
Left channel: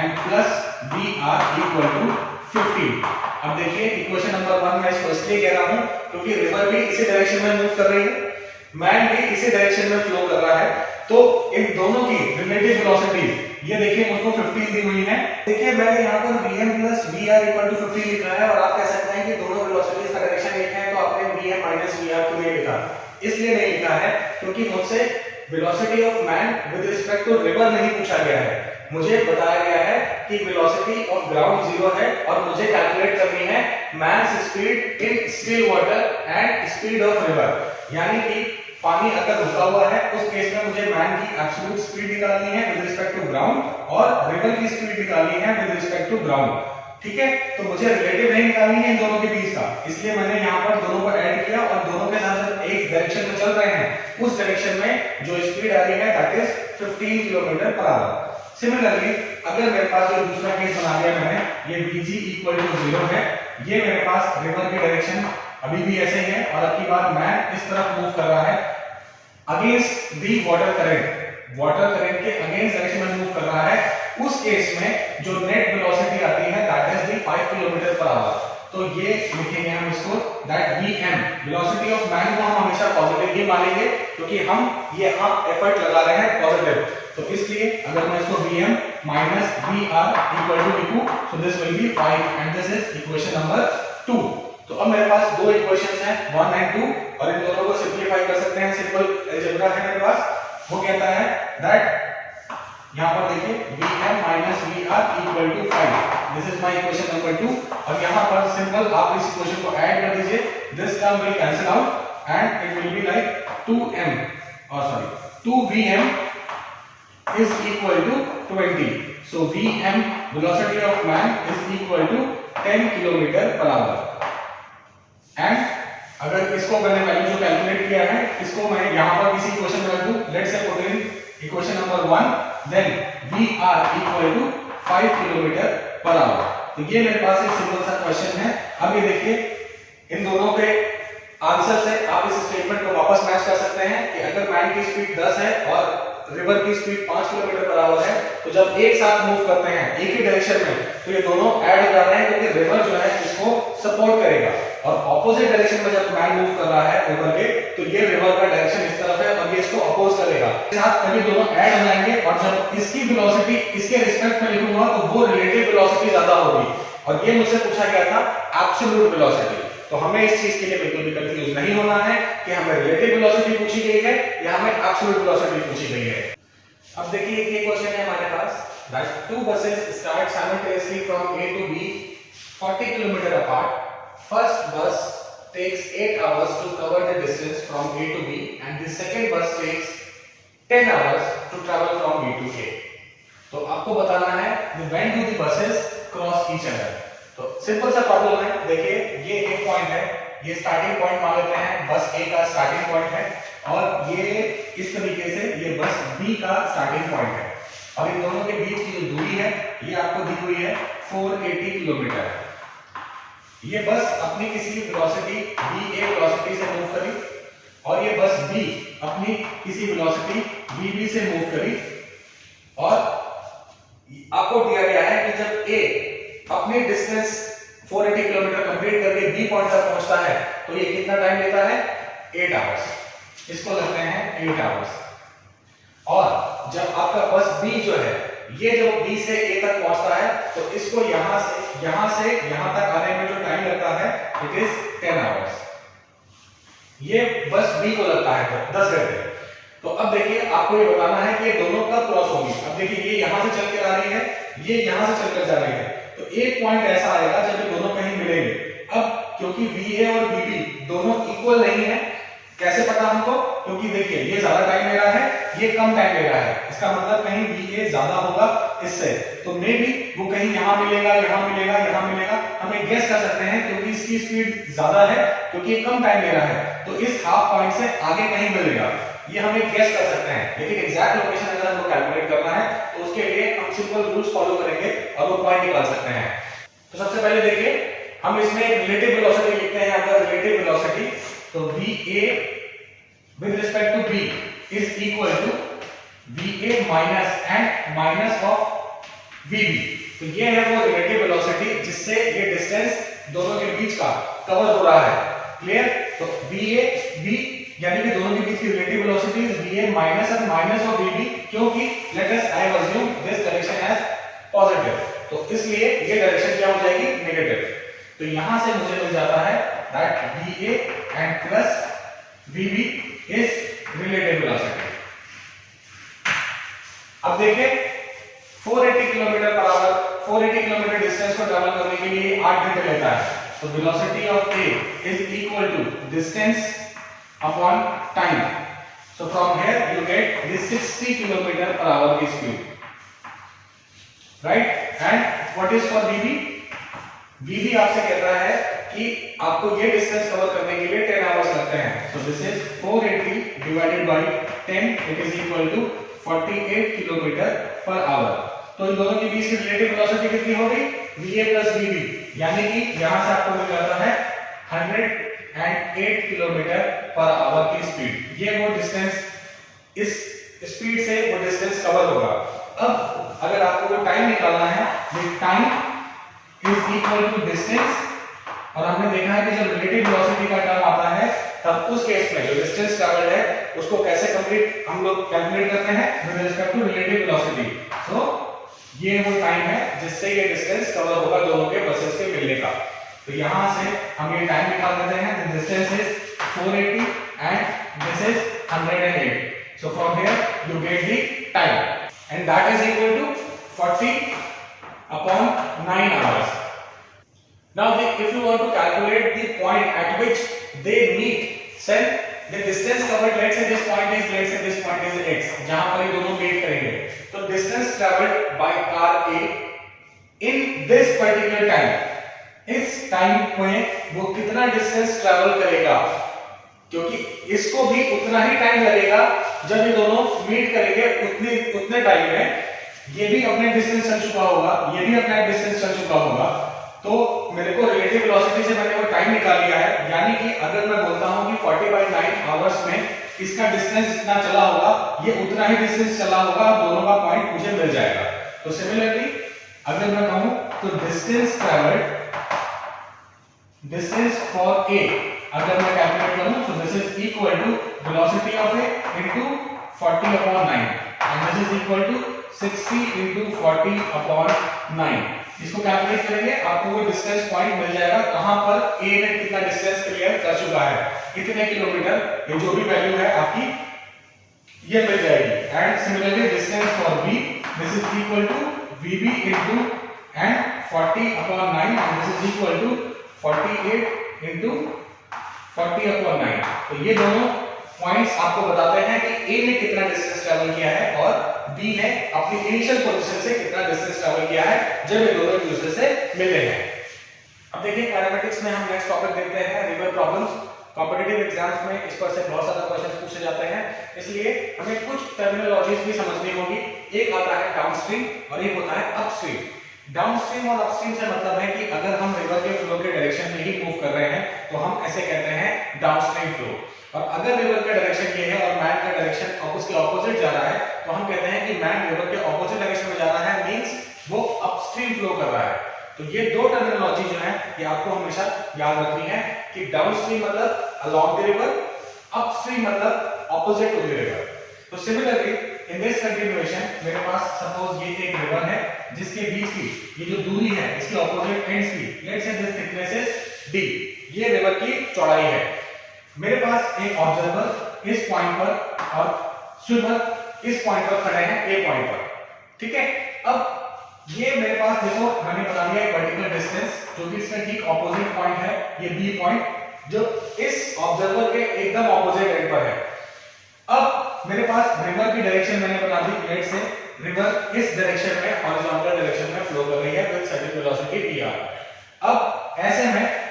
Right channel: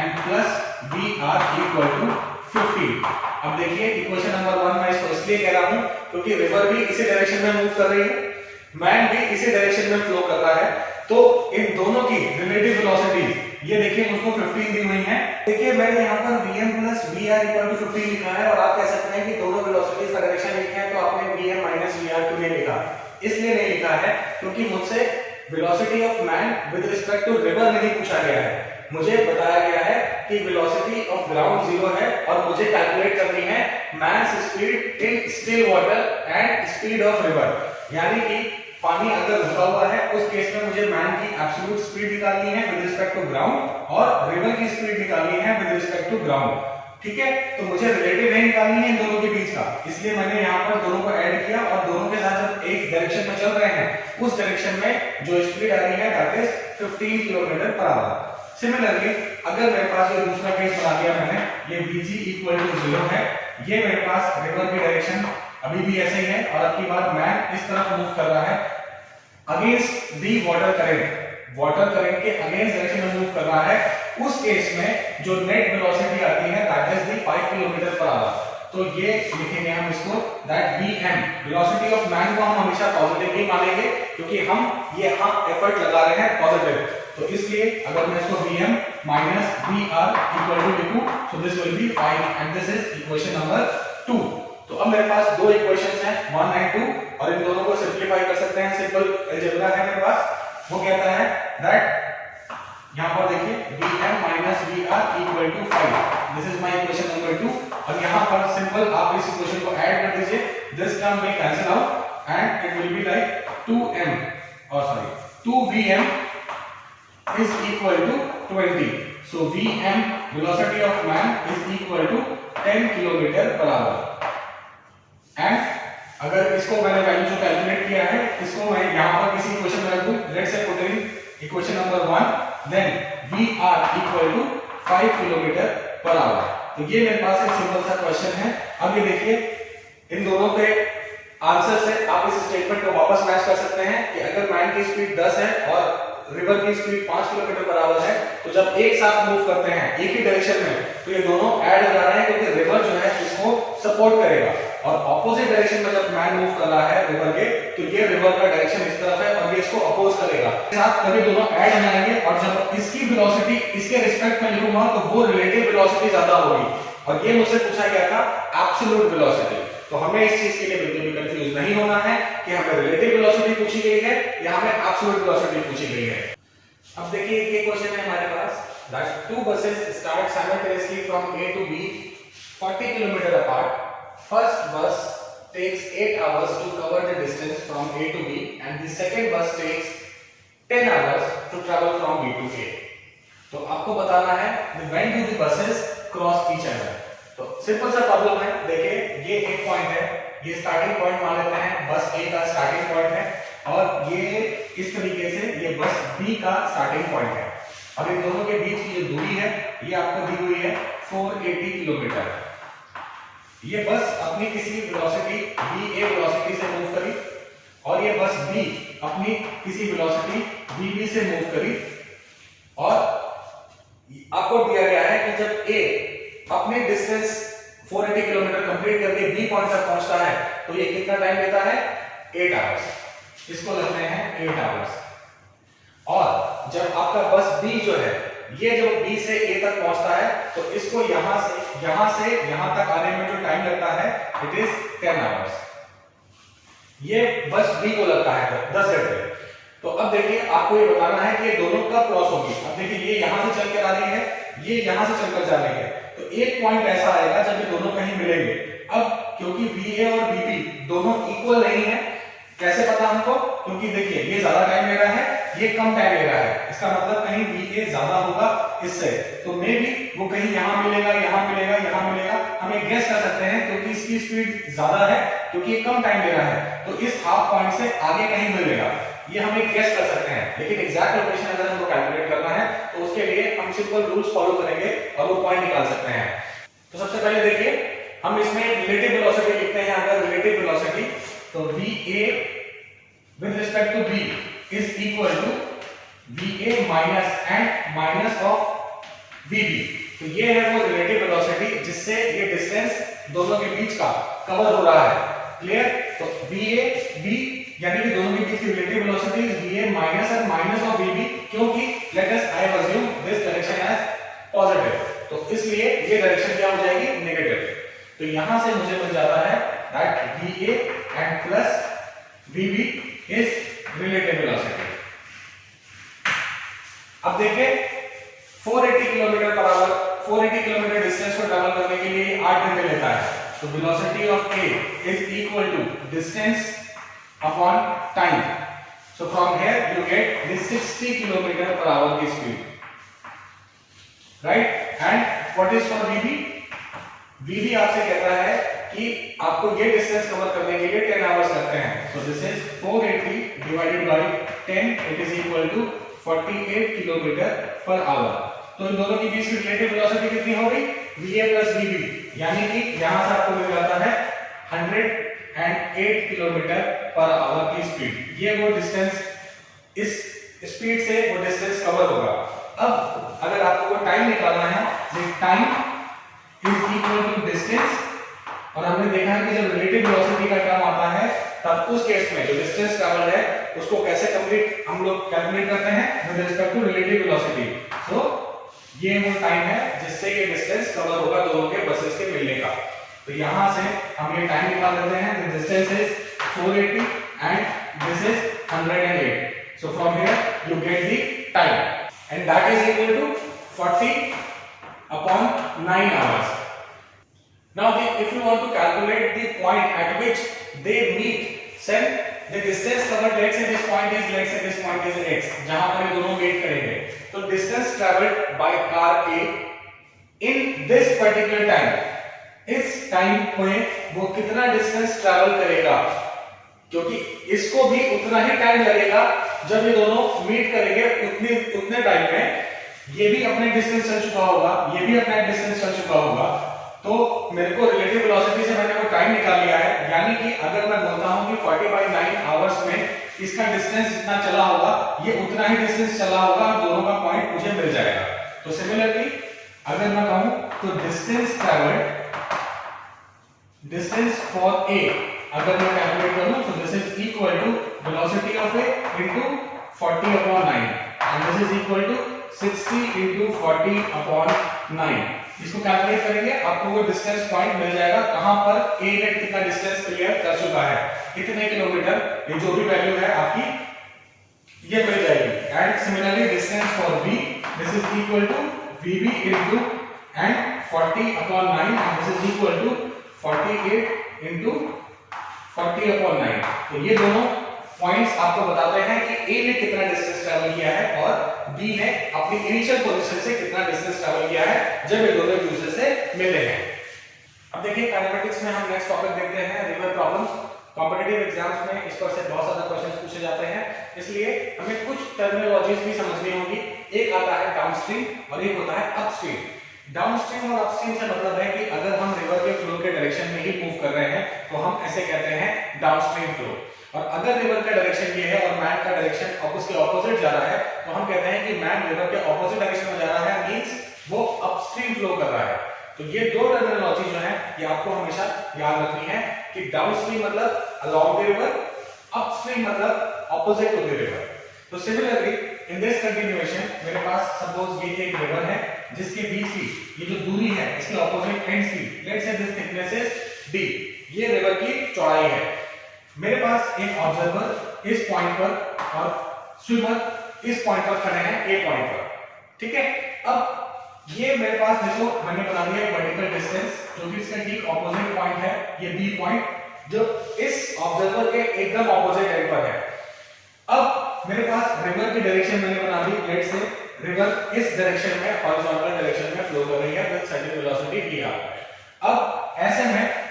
and plus vr equal to 15। अब देखिए इक्वेशन नंबर 1 मैं इसको इसलिए कह रहा हूं क्योंकि रिवर भी इसी डायरेक्शन में मूव कर रही है, मैन भी इसी डायरेक्शन में फ्लो कर रहा है, तो इन दोनों की रिलेटिव वेलोसिटी ये देखिए मुझको 15 दी हुई है। देखिए मैंने यहाँ पर vm plus vr equal to 15 लिखा है और आप कह सकते हैं कि दोनों वेलोसिटीज का डायरेक्शन एक है तो आपने vm minus vr क्यों नहीं लिखा। इसलिए नहीं लिखा है क्योंकि मुझसे velocity of man with respect to river नहीं पूछा गया है, मुझे बताया गया है कि वेलोसिटी ऑफ ग्राउंड 0 है और मुझे कैलकुलेट करनी है man's speed in still water and speed of river. यानी कि पानी अगर रुका हुआ है उस केस में मुझे मैन की एब्सोल्यूट स्पीड निकालनी है विद रिस्पेक्ट टू ग्राउंड और रिवर की स्पीड निकालनी है विद रिस्पेक्ट टू ग्राउंड। ठीक है, तो मुझे रिलेटिव नहीं निकालनी है इन दोनों के बीच का, इसलिए मैंने यहाँ पर दोनों को ऐड किया और दोनों के साथ जब एक डायरेक्शन में चल रहे हैं उस डायरेक्शन में जो स्पीड आ रही है that is 15 kilometre per our. Similarly अगर मेरे पास जो दूसरा केस बना दिया मैंने, ये vg इक्वल टू 0 है, ये मेरे पास रिवर की डायरेक्शन अभी भी ऐसे ही है और अब की बार मैन इस तरफ मूव कर रहा है against the water current, water current के अगेंस्ट डायरेक्शन में मूव कर रहा है, उस केस में जो नेट वेलोसिटी आती है that is the 5 kilometre per hour. तो ये लिखेंगे हम इसको that vm, velocity of man को हम हमेशा पॉजिटिव ही मानेंगे क्योंकि हम एफर्ट लगा रहे हैं पॉजिटिव, तो इसलिए अगर मैं इसको vm minus vr equal to लिखूं सो this will B 5 and this is equation number 2। तो अब मेरे पास दो इक्वेशंस हैं 1 एंड 2 और इन दोनों को सिंपलीफाई कर सकते हैं, सिंपल अलजेब्रा है मेरे पास। वो कहता है दैट यहां पर देखिए vm minus vr equal to 5, this is my equation number 2 और यहां पर सिंपल आप इस इक्वेशन को ऐड कर दीजिए, this term will cancel out and it will be like 2vm is equal to 20, so vm velocity of man is equal to 10 kilometre per hour. And अगर इसको मैंने वैल्यू जो कैलकुलेट किया है इसको मैं यहां पर किसी इक्वेशन में रख दूं, let's say put in equation number 1, then vr equal to 5 kilometre per hour. तो ये मेरे पास एक सिंपल सा क्वेश्चन है। अब ये देखिए इन दोनों के आंसर से आप इस स्टेटमेंट को वापस मैच कर सकते हैं कि अगर मैन की स्पीड 10 है और रिवर की स्पीड 5 किलोमीटर पर आवर है, तो जब एक साथ मूव करते हैं एक ही डायरेक्शन में, तो ये दोनों ऐड हो जा रहे हैं, क्योंकि रिवर जो है इसको सपोर्ट करेगा। और ऑपोजिट डायरेक्शन में जब मैन मूव कर रहा है रिवर के, तो ये रिवर का डायरेक्शन इस तरफ है और ये इसको अपोज करेगा। साथ में दोनों ऐड हो जाएंगे, और जब इसकी वेलोसिटी इसके रिस्पेक्ट में लिखूंगा तो वो रिलेटिव वेलोसिटी ज्यादा होगी। और ये मुझसे पूछा गया था एब्सोल्यूट वेलोसिटी। तो हमें इस चीज के लिए बिल्कुल भी कंफ्यूज नहीं होना है कि हमें रिलेटिव वेलोसिटी पूछी गई है या हमें एब्सोल्यूट वेलोसिटी पूछी गई है। अब देखिए ये क्वेश्चन है हमारे पास, that two buses start simultaneously from A to B 40 km apart. First bus takes 8 hours to cover the distance from A to B and the second bus takes 10 hours to travel from B to A. तो आपको बताना है when do the buses cross each other। तो simple सा problem है, देखिए ये एक पॉइंट है, ये स्टार्टिंग पॉइंट मान लेते हैं, बस ए का स्टार्टिंग पॉइंट है, और ये इस तरीके से ये बस बी का स्टार्टिंग पॉइंट है, और इन दोनों के बीच की जो दूरी है ये आपको दी हुई है 480 किलोमीटर। ये बस अपनी किसी वेलोसिटी बी ए वेलोसिटी से मूव करी, और ये बस बी अपनी किसी वेलोसिटी बी बी से मूव करी, और आपको दिया गया है कि जब ए अपने डिस्टेंस 480 किलोमीटर कंप्लीट करके बी पॉइंट तक पहुंचता है तो ये कितना टाइम लेता है 8 आवर्स। इसको लगते हैं 8 आवर्स। और जब आपका बस बी जो है ये जो बी से ए तक पहुंचता है तो इसको यहां से यहां तक आने में जो टाइम लगता है इट इज 10 आवर्स। ये बस बी को लगता है 10 घंटे। तो अब देखिए आपको ये बताना है कि ये दोनों कब क्रॉस होगी। अब देखिए ये यहां से चल के आ रही है, ये यहां से चलकर जा रही है, तो एक पॉइंट ऐसा आएगा जब ये दोनों कहीं मिलेंगे। अब क्योंकि VA और VB दोनों इक्वल नहीं है, कैसे पता हमको? क्योंकि देखिए ये ज्यादा टाइम ले रहा है, ये कम टाइम ले रहा है, इसका मतलब कहीं VA ज्यादा होगा इससे, तो मे बी वो कहीं यहाँ मिलेगा, यहाँ मिलेगा, यहाँ मिलेगा। हम एक गेस कर सकते हैं क्योंकि इसकी स्पीड ज्यादा है, क्योंकि ये कम टाइम ले रहा है, तो इस हाफ पॉइंट से आगे कहीं मिलेगा, ये हम एक गेस कर सकते हैं। लेकिन एग्जैक्ट लोकेशन अगर हमको कैलकुलेट करना है तो उसके लिए हम सिंपल रूल्स फॉलो करेंगे और वो पॉइंट निकाल सकते हैं। तो सबसे पहले देखिए हम इसमें रिलेटिव वेलोसिटी लिखते हैं। अगर रिलेटिव वेलोसिटी तो VA with respect to B is equal to VA minus and minus of VB। तो ये है वो रिलेटिव वेलोसिटी जिससे ये डिस्टेंस दोनों के बीच का कवर हो रहा है। क्लियर? तो VA B यानी कि दोनों के बीच की relative velocity is VA minus और माइनस ऑफ VB, क्योंकि let us I have assume this direction as positive, तो इसलिए ये डायरेक्शन क्या हो जाएगी नेगेटिव। तो यहां से मुझे मिल जाता है that VA and plus VB is relative velocity. अब देखिए 480 kilometre per hour, 480 kilometre distance को ट्रैवल करने के लिए 8 घंटे लेता है। तो velocity of A is equal to distance upon time। So from here you get this 60 km per hour की speed, right? And what is for VB? VB आपसे कहता है कि आपको ये डिस्टेंस कवर करने के लिए 10 आवर्स लगते हैं। So this is 480 divided by 10, it is equal to 48 km per hour। तो इन दोनों के बीच की रिलेटिव वेलोसिटी कितनी हो गई? VA plus VB, यानी कि यहां से आपको मिल जाता है 108 किलोमीटर पर आवर की स्पीड। ये वो डिस्टेंस, इस स्पीड से वो डिस्टेंस कवर होगा। अब अगर आपको कोई टाइम निकालना है, time is equal to distance, और हमने देखा है कि जब रिलेटिव वेलोसिटी का टर्म आता है तब उस केस में जो डिस्टेंस ट्रैवल्ड है उसको कैसे कंप्लीट हम लोग कैलकुलेट करते हैं with respect to relative velocity. So ये वो टाइम है जिससे ये डिस्टेंस कवर होगा दोनों के बसेस के मिलने का। तो यहां से हम ये टाइम निकाल लेते हैं। The distance is 480 and this is 108। So from here you get the time and that is equal to 40 upon 9 hours। Now if you want to calculate the point at which they meet, then the distance covered, let's say this point is x, जहां पर ये दोनों meet करेंगे, तो distance traveled by car A in this particular time, इस time में वो कितना डिस्टेंस ट्रैवल करेगा, क्योंकि इसको भी उतना ही टाइम लगेगा जब ये दोनों मीट करेंगे। उतने टाइम में ये भी अपने डिस्टेंस चल चुका होगा, ये भी अपना डिस्टेंस चल चुका होगा, तो मेरे को रिलेटिव वेलोसिटी से मैंने वो टाइम निकाल लिया है, यानी कि अगर मैं बोलता हूं कि 40/9 आवर्स में इसका डिस्टेंस जितना चला होगा ये उतना ही डिस्टेंस चला होगा, दोनों का पॉइंट मुझे मिल जाएगा। तो सिमिलरली अगर मैं कहूं तो distance travelled, distance for A अगर मैं कैलकुलेट करूं तो this is equal to velocity of A into 40/9 and this is equal to 60 into 40/9। इसको कैलकुलेट करेंगे आपको वो डिस्टेंस पॉइंट मिल जाएगा, कहां पर ए ने कितना डिस्टेंस क्लियर कर चुका है, कितने किलोमीटर, ये जो भी वैल्यू है आपकी ये मिल जाएगी। And similarly distance for B, this is equal to vb into and 40/9 and this is equal to 48 into 40/9। तो ये दोनों पॉइंट्स आपको बताते हैं कि ए ने कितना डिस्टेंस ट्रैवल किया है और बी ने अपनी इनिशियल पोजीशन से कितना डिस्टेंस ट्रैवल किया है जब ये दोनों एक दूसरे से मिले हैं। अब देखिए काइनेमेटिक्स में हम नेक्स्ट टॉपिक देखते हैं रिवर प्रॉब्लम्स। कॉम्पिटिटिव एग्जाम्स में इस पर से बहुत सारे क्वेश्चंस पूछे जाते हैं, इसलिए हमें कुछ टर्मिनोलॉजीज भी समझनी होगी। एक आता है डाउनस्ट्रीम और एक होता है अपस्ट्रीम। डाउनस्ट्रीम और अपस्ट्रीम से मतलब है कि अगर हम रिवर के फ्लो के डायरेक्शन में ही मूव कर रहे हैं तो हम ऐसे कहते हैं डाउनस्ट्रीम फ्लो, और अगर रिवर का डायरेक्शन ये है और मैन का डायरेक्शन उसके ऑपोजिट जा रहा है तो हम कहते हैं कि मैन रिवर के ऑपोजिट डायरेक्शन में जा रहा है, मींस वो अपस्ट्रीम फ्लो कर रहा है। तो ये दो टर्मिनोलॉजी जो है ये आपको हमेशा याद रखनी है कि डाउनस्ट्रीम मतलब अलोंग द रिवर, अपस्ट्रीम मतलब ऑपोजिट टू द रिवर। तो सिमिलरली इन दिस कंटिन्यूएशन मेरे पास सपोज ये एक रिवर है जिसके बीच की ये जो दूरी है इसकी ऑपोजिट एंड्स की, let's say this thickness is d, ये रिवर की चौड़ाई है। मेरे पास एक ऑब्जर्वर इस पॉइंट पर और स्विमर इस पॉइंट पर खड़े हैं ए पॉइंट पर, ठीक है। अब ये मेरे पास देखो मैंने बना दिया एक वर्टिकल डिस्टेंस जो कि इसका ठीक ऑपोजिट पॉइंट है, ये बी पॉइंट जो इस ऑब्जर्वर के एकदम ऑपोजिट एंड पर है। अब मेरे पास रिवर की डायरेक्शन मैंने बना दी, लेट्स से रिवर इस डायरेक्शन में हॉरिजॉन्टल डायरेक्शन में फ्लो कर रही है विद सर्टेन वेलोसिटी dr। अब ऐसे में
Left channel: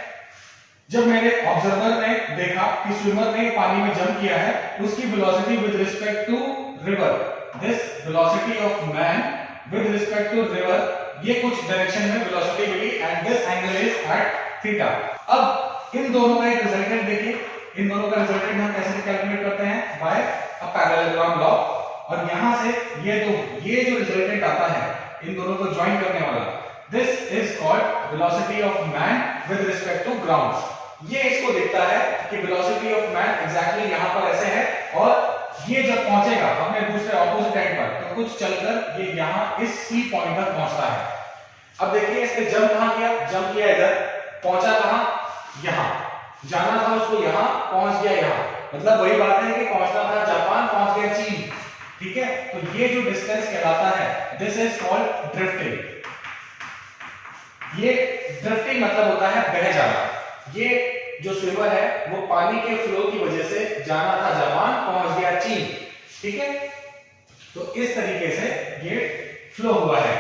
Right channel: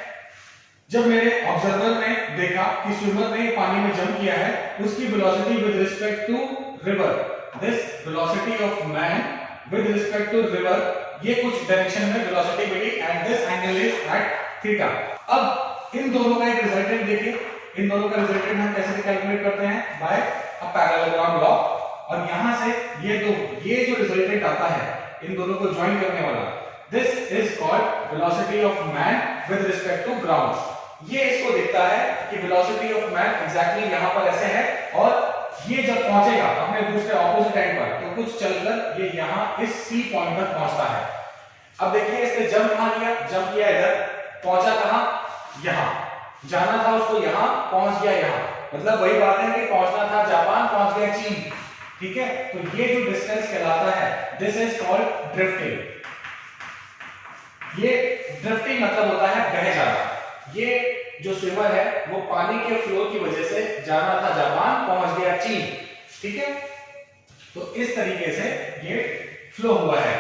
जब मेरे ऑब्जर्वर ने देखा कि स्विमर ने पानी में जंप किया है, उसकी velocity with respect to river, this velocity of man with respect to river, ये कुछ डायरेक्शन में वेलोसिटी मिली and this angle is at theta. अब इन दोनों का एक रिजल्टेंट देखिए, इन दोनों का रिजल्टेंट हम कैसे कैलकुलेट करते हैं, बाय अ पैरेललोग्राम लॉ। और यहां से ये जो रिजल्टेंट आता है इन दोनों को ज्वाइन करने वाला, this is called velocity of man with respect to ground. ये इसको दिखता है कि वेलोसिटी ऑफ मैन एग्जैक्टली यहां पर ऐसे है और ये जब पहुंचेगा अपने दूसरे ऑपोजिट एंड पर तो कुछ चलकर ये यहां इस सी पॉइंट तक पहुंचता है। अब देखिए इसने जंप कहां किया, जंप किया इधर, पहुंचा कहां, यहां जाना था उसको, यहां पहुंच गया यहां, मतलब वही बात है कि पहुंचना था जापान, पहुंच गया चीन, ठीक है। तो ये जो डिस्टेंस कहलाता है दिस इज कॉल्ड ड्रिफ्टिंग। ये ड्रिफ्टिंग मतलब होता है बह जाना। ये जो स्विमर है वो पानी के फ्लो की वजह से जाना था जापान, पहुंच गया चीन, ठीक है। तो इस तरीके से ये फ्लो हुआ है।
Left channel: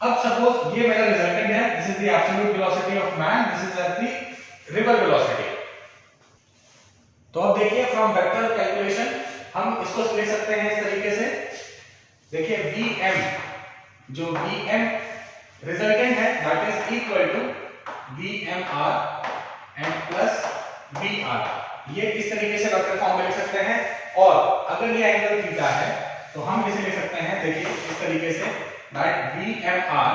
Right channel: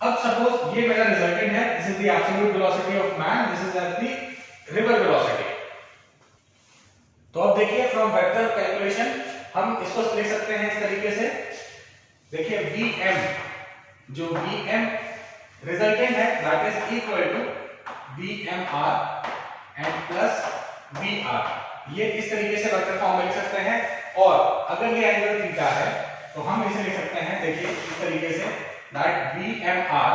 अब सपोज ये मेरा रिजल्टेंट है, this is the absolute velocity of man, this is the river velocity. तो अब देखिए फ्रॉम वेक्टर कैलकुलेशन हम इसको ले सकते हैं इस तरीके से, देखिए vm, जो vm रिजल्टेंट है that is equal to vmr and plus vr। ये इस तरीके से वेक्टर फॉर्म में लिख सकते हैं। और अगर ये एंगल थीटा है तो हम इसे लिख सकते हैं, देखिए इस तरीके say that vmr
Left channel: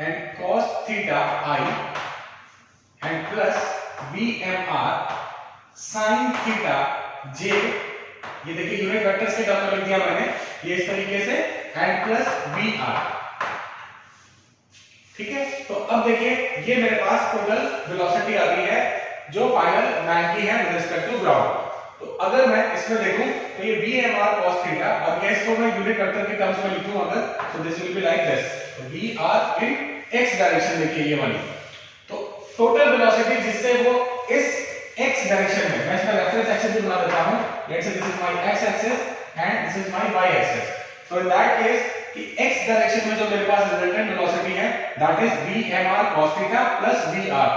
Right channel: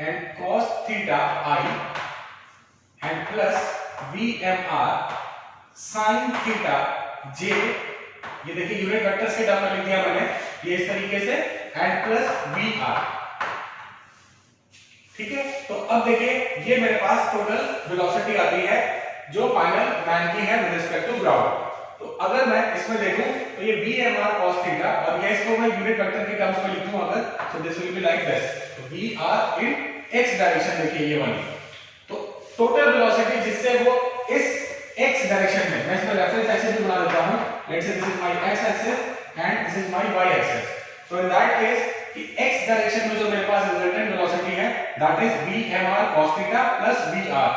and cos theta i and plus vmr sin theta j। ये देखिए यूनिट वेक्टर्स के टर्म में लिख दिया मैंने, ये इस तरीके से एंड प्लस vr, ठीक है। तो अब देखिए ये मेरे पास टोटल वेलोसिटी आती है जो फाइनल मैन की है विद रिस्पेक्ट टू ग्राउंड। तो अगर मैं इसमें देखूं तो ये vmr cos थीटा, और ये इसको मैं यूनिट वेक्टर के टर्म्स में लिखूं अगर, सो this will be like this, तो vr इन x डायरेक्शन, देखिए ये वाली। तो टोटल वेलोसिटी जिससे वो इस x डायरेक्शन में, मैं इसका रेफरेंस एक्सिस भी बना देता हूं, let's say this is my x axis and this is my y axis. So in that case कि x डायरेक्शन में जो मेरे पास रिजल्टेंट वेलोसिटी है that is vmr cos theta plus vr,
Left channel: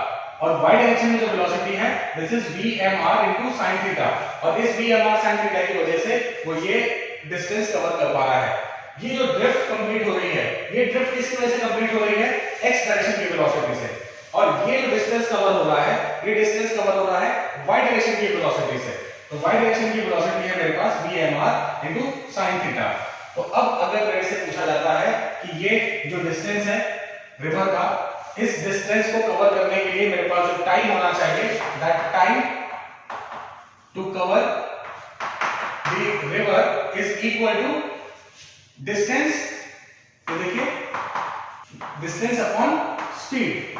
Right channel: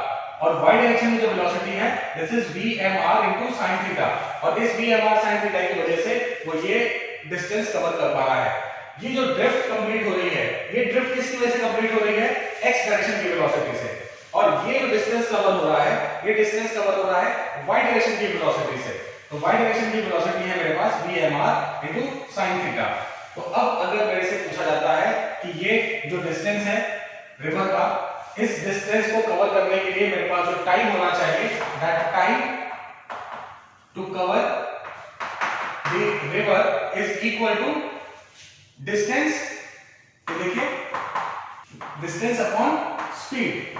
और y डायरेक्शन में जो वेलोसिटी है this is vmr into sin theta, और इस vmr sin थीटा की वजह से वो ये डिस्टेंस कवर कर पा रहा है। ये जो ड्रिफ्ट कंप्लीट हो रही है ये ड्रिफ्ट किसकी वजह से कंप्लीट हो रही है, x डायरेक्शन की वेलोसिटी से, और ये जो डिस्टेंस कवर हो रहा है, ये डिस्टेंस कवर हो रहा है y डायरेक्शन की वेलोसिटी से। तो y डायरेक्शन की वेलोसिटी है मेरे पास vmr इनटू sin थीटा। तो अब अगर मेरे से पूछा जाता है कि ये जो डिस्टेंस है रिवर का, इस डिस्टेंस को कवर करने के लिए मेरे पास जो टाइम होना चाहिए, that time to cover the river is equal to distance, तो देखिए डिस्टेंस अपॉन स्पीड।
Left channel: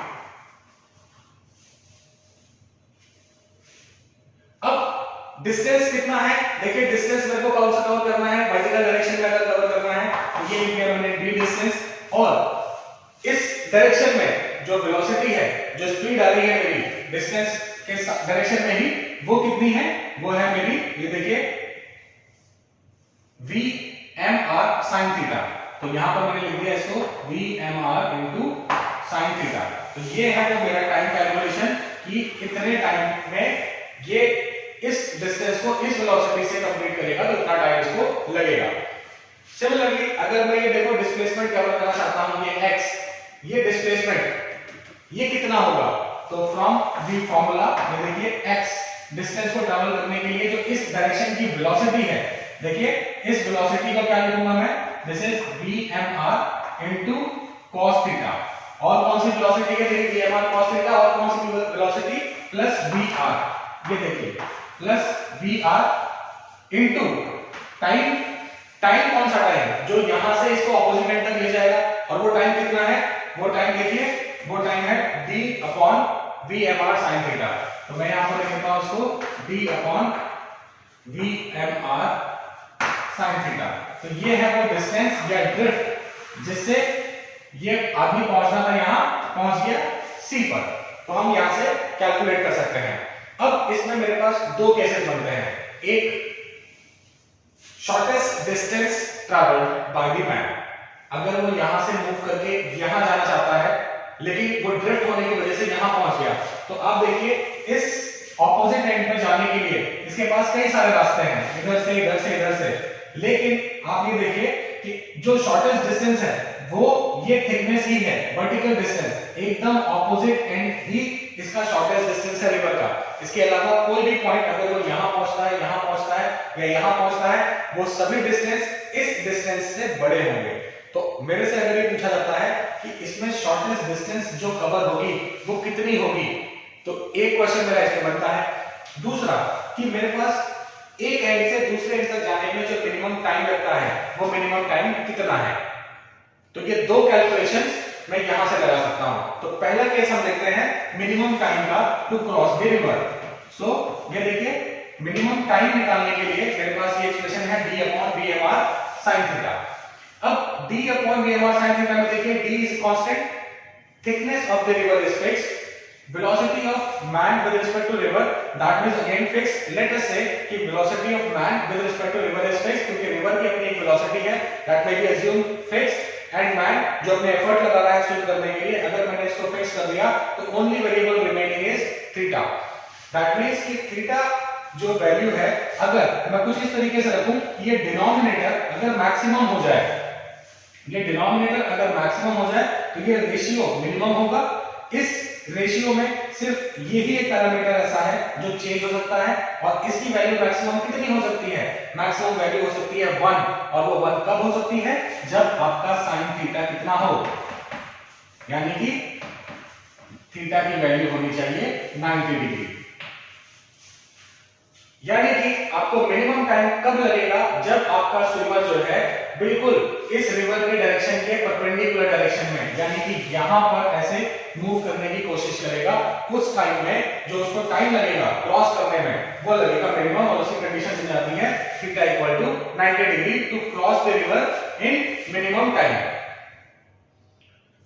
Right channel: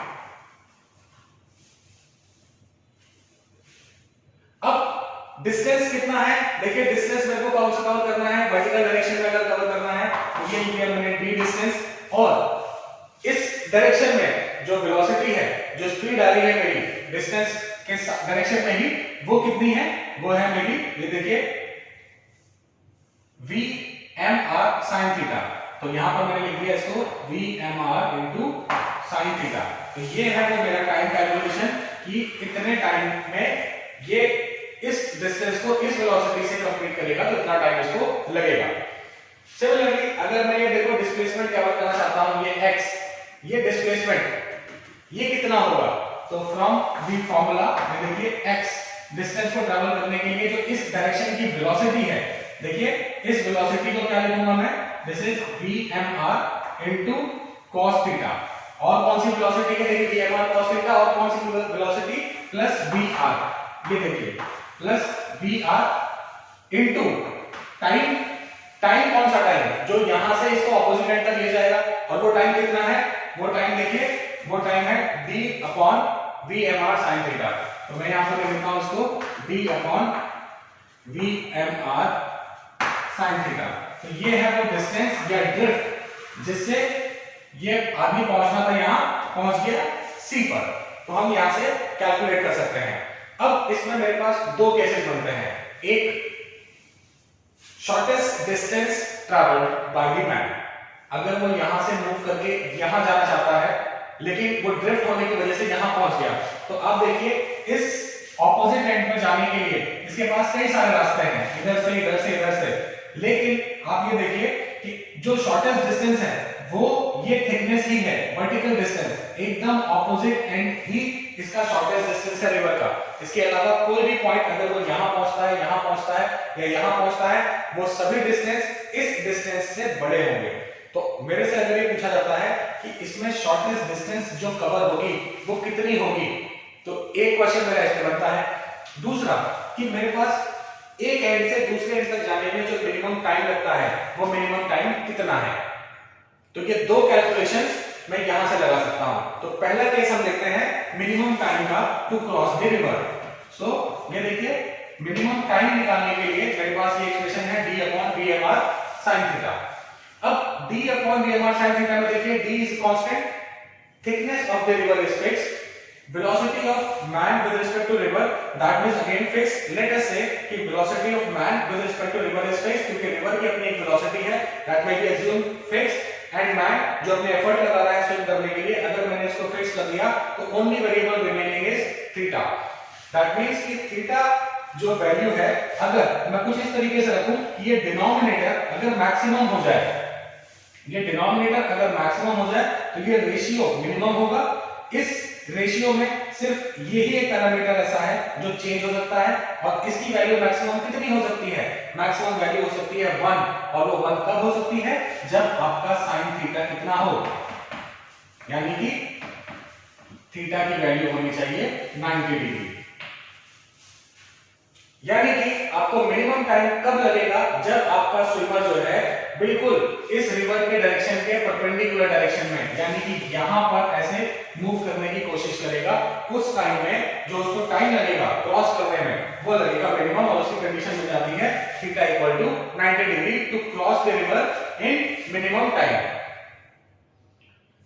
अब डिस्टेंस कितना है, देखिए डिस्टेंस मेरे को कौन सा कवर करना है, वर्टिकल डायरेक्शन में अगर कवर करना है तो ये लिया मैंने d डिस्टेंस, और इस डायरेक्शन में जो वेलोसिटी है, जो स्पीड आ रही है मेरी डिस्टेंस के डायरेक्शन में ही, वो कितनी है, वो है मेरी, ये देखिए vmr sin थीटा। तो यहां पर मैंने लिख दिया इसको vmr इनटू sin थीटा। तो ये है वो मेरा टाइम कैलकुलेशन कि कितने टाइम में ये इस डिस्टेंस को इस वेलोसिटी से कंप्लीट करेगा, तो इतना टाइम इसको लगेगा। सिमिलरली अगर मैं ये देखो डिस्प्लेसमेंट कवर करना चाहता हूं, ये x, ये डिस्प्लेसमेंट ये कितना होगा, तो फ्रॉम द फॉर्मूला ये देखिए x डिस्टेंस को ट्रैवल करने के लिए जो इस डायरेक्शन की वेलोसिटी है, देखिए इस वेलोसिटी को क्या लिखूंगा मैं, this is vmr into cos theta. और कौन सी वेलोसिटी है, देखिए vmr cos थीटा, और कौन सी वेलोसिटी प्लस vr, ये देखिए plus vr into time. Time कौन सा टाइम, जो यहां से इसको ऑपोजिट एंड तक ले जाएगा, और वो टाइम कितना है, वो टाइम देखिए, वो टाइम है d upon vmr sin theta. तो मैं यहां पर लिखता हूं इसको d upon vmr sin theta. तो ये है वो डिस्टेंस या ड्रिफ्ट जिससे ये आदमी पहुंचना था, यहां पहुंच गया c पर। तो हम यहां से कैलकुलेट कर सकते हैं। अब इसमें मेरे पास दो केसेस बनते हैं, एक shortest distance travelled by the man, अगर वो यहां से मूव करके यहां जाना चाहता है लेकिन वो ड्रिफ्ट होने की वजह से यहां पहुंच गया, तो अब देखिए इस ऑपोजिट एंड पे जाने के लिए इसके पास कई सारे रास्ते हैं, इधर से इधर से इधर से, लेकिन आप ये देखिए कि जो शॉर्टेस्ट डिस्टेंस है वो ये थिकनेस ही है, वर्टिकल डिस्टेंस, एकदम ऑपोजिट एंड ही इसका शॉर्टेस्ट डिस्टेंस है रिवर का। इसके अलावा कोई भी पॉइंट अगर वो यहां पहुंचता है, यहां पहुंचता है या यहां पहुंचता है, वो सभी डिस्टेंस इस डिस्टेंस से बड़े होंगे। तो मेरे से अगर ये पूछा जाता है कि इसमें शॉर्टेस्ट डिस्टेंस जो कवर होगी वो कितनी होगी, तो एक क्वेश्चन मेरा इसमें बनता है। दूसरा कि मेरे पास एक एंड से दूसरे एंड तक जाने में जो मिनिमम टाइम लगता है वो मिनिमम टाइम कितना है। तो ये दो कैलकुलेशंस मैं यहां से लगा सकता हूं। तो पहला केस हम देखते हैं मिनिमम टाइम का टू क्रॉस द रिवर। सो ये देखिए मिनिमम टाइम निकालने के लिए मेरे पास ये एक्सप्रेशन है d upon vmr sin theta. अब d upon vmr sin theta में देखिए d is constant, thickness of the river is fixed, velocity of man with respect to river that is again fixed. Let us say कि velocity of man with respect to river is fixed, क्योंकि river की अपनी एक velocity है, that may be assumed fixed, and man जो अपने effort लगा रहा है स्विम करने के लिए, अगर मैंने इसको fix कर दिया तो only variable remaining is theta. That means कि theta जो वैल्यू है, अगर मैं कुछ इस तरीके से रखूं, ये डिनोमिनेटर अगर मैक्सिमम हो जाए, ये डिनोमिनेटर अगर मैक्सिमम हो जाए तो ये रेशियो मिनिमम होगा। इस रेशियो में सिर्फ यही एक पैरामीटर ऐसा है जो चेंज हो सकता है, और इसकी वैल्यू मैक्सिमम कितनी हो सकती है, मैक्सिमम वैल्यू हो सकती है 1, और वो 1 कब हो सकती है, जब आपका sin थीटा कितना हो, यानी कि थीटा की वैल्यू होनी चाहिए 90 डिग्री। यानी कि आपको मिनिमम टाइम कब लगेगा, जब आपका स्विमर जो है बिल्कुल इस रिवर के डायरेक्शन के परपेंडिकुलर डायरेक्शन में, यानी कि यहां पर ऐसे मूव करने की कोशिश करेगा, उस टाइम में जो उसको टाइम लगेगा क्रॉस करने में वो लगेगा मिनिमम, और उसकी कंडीशन मिल जाती है theta equal to 90 degree to cross the river in minimum time.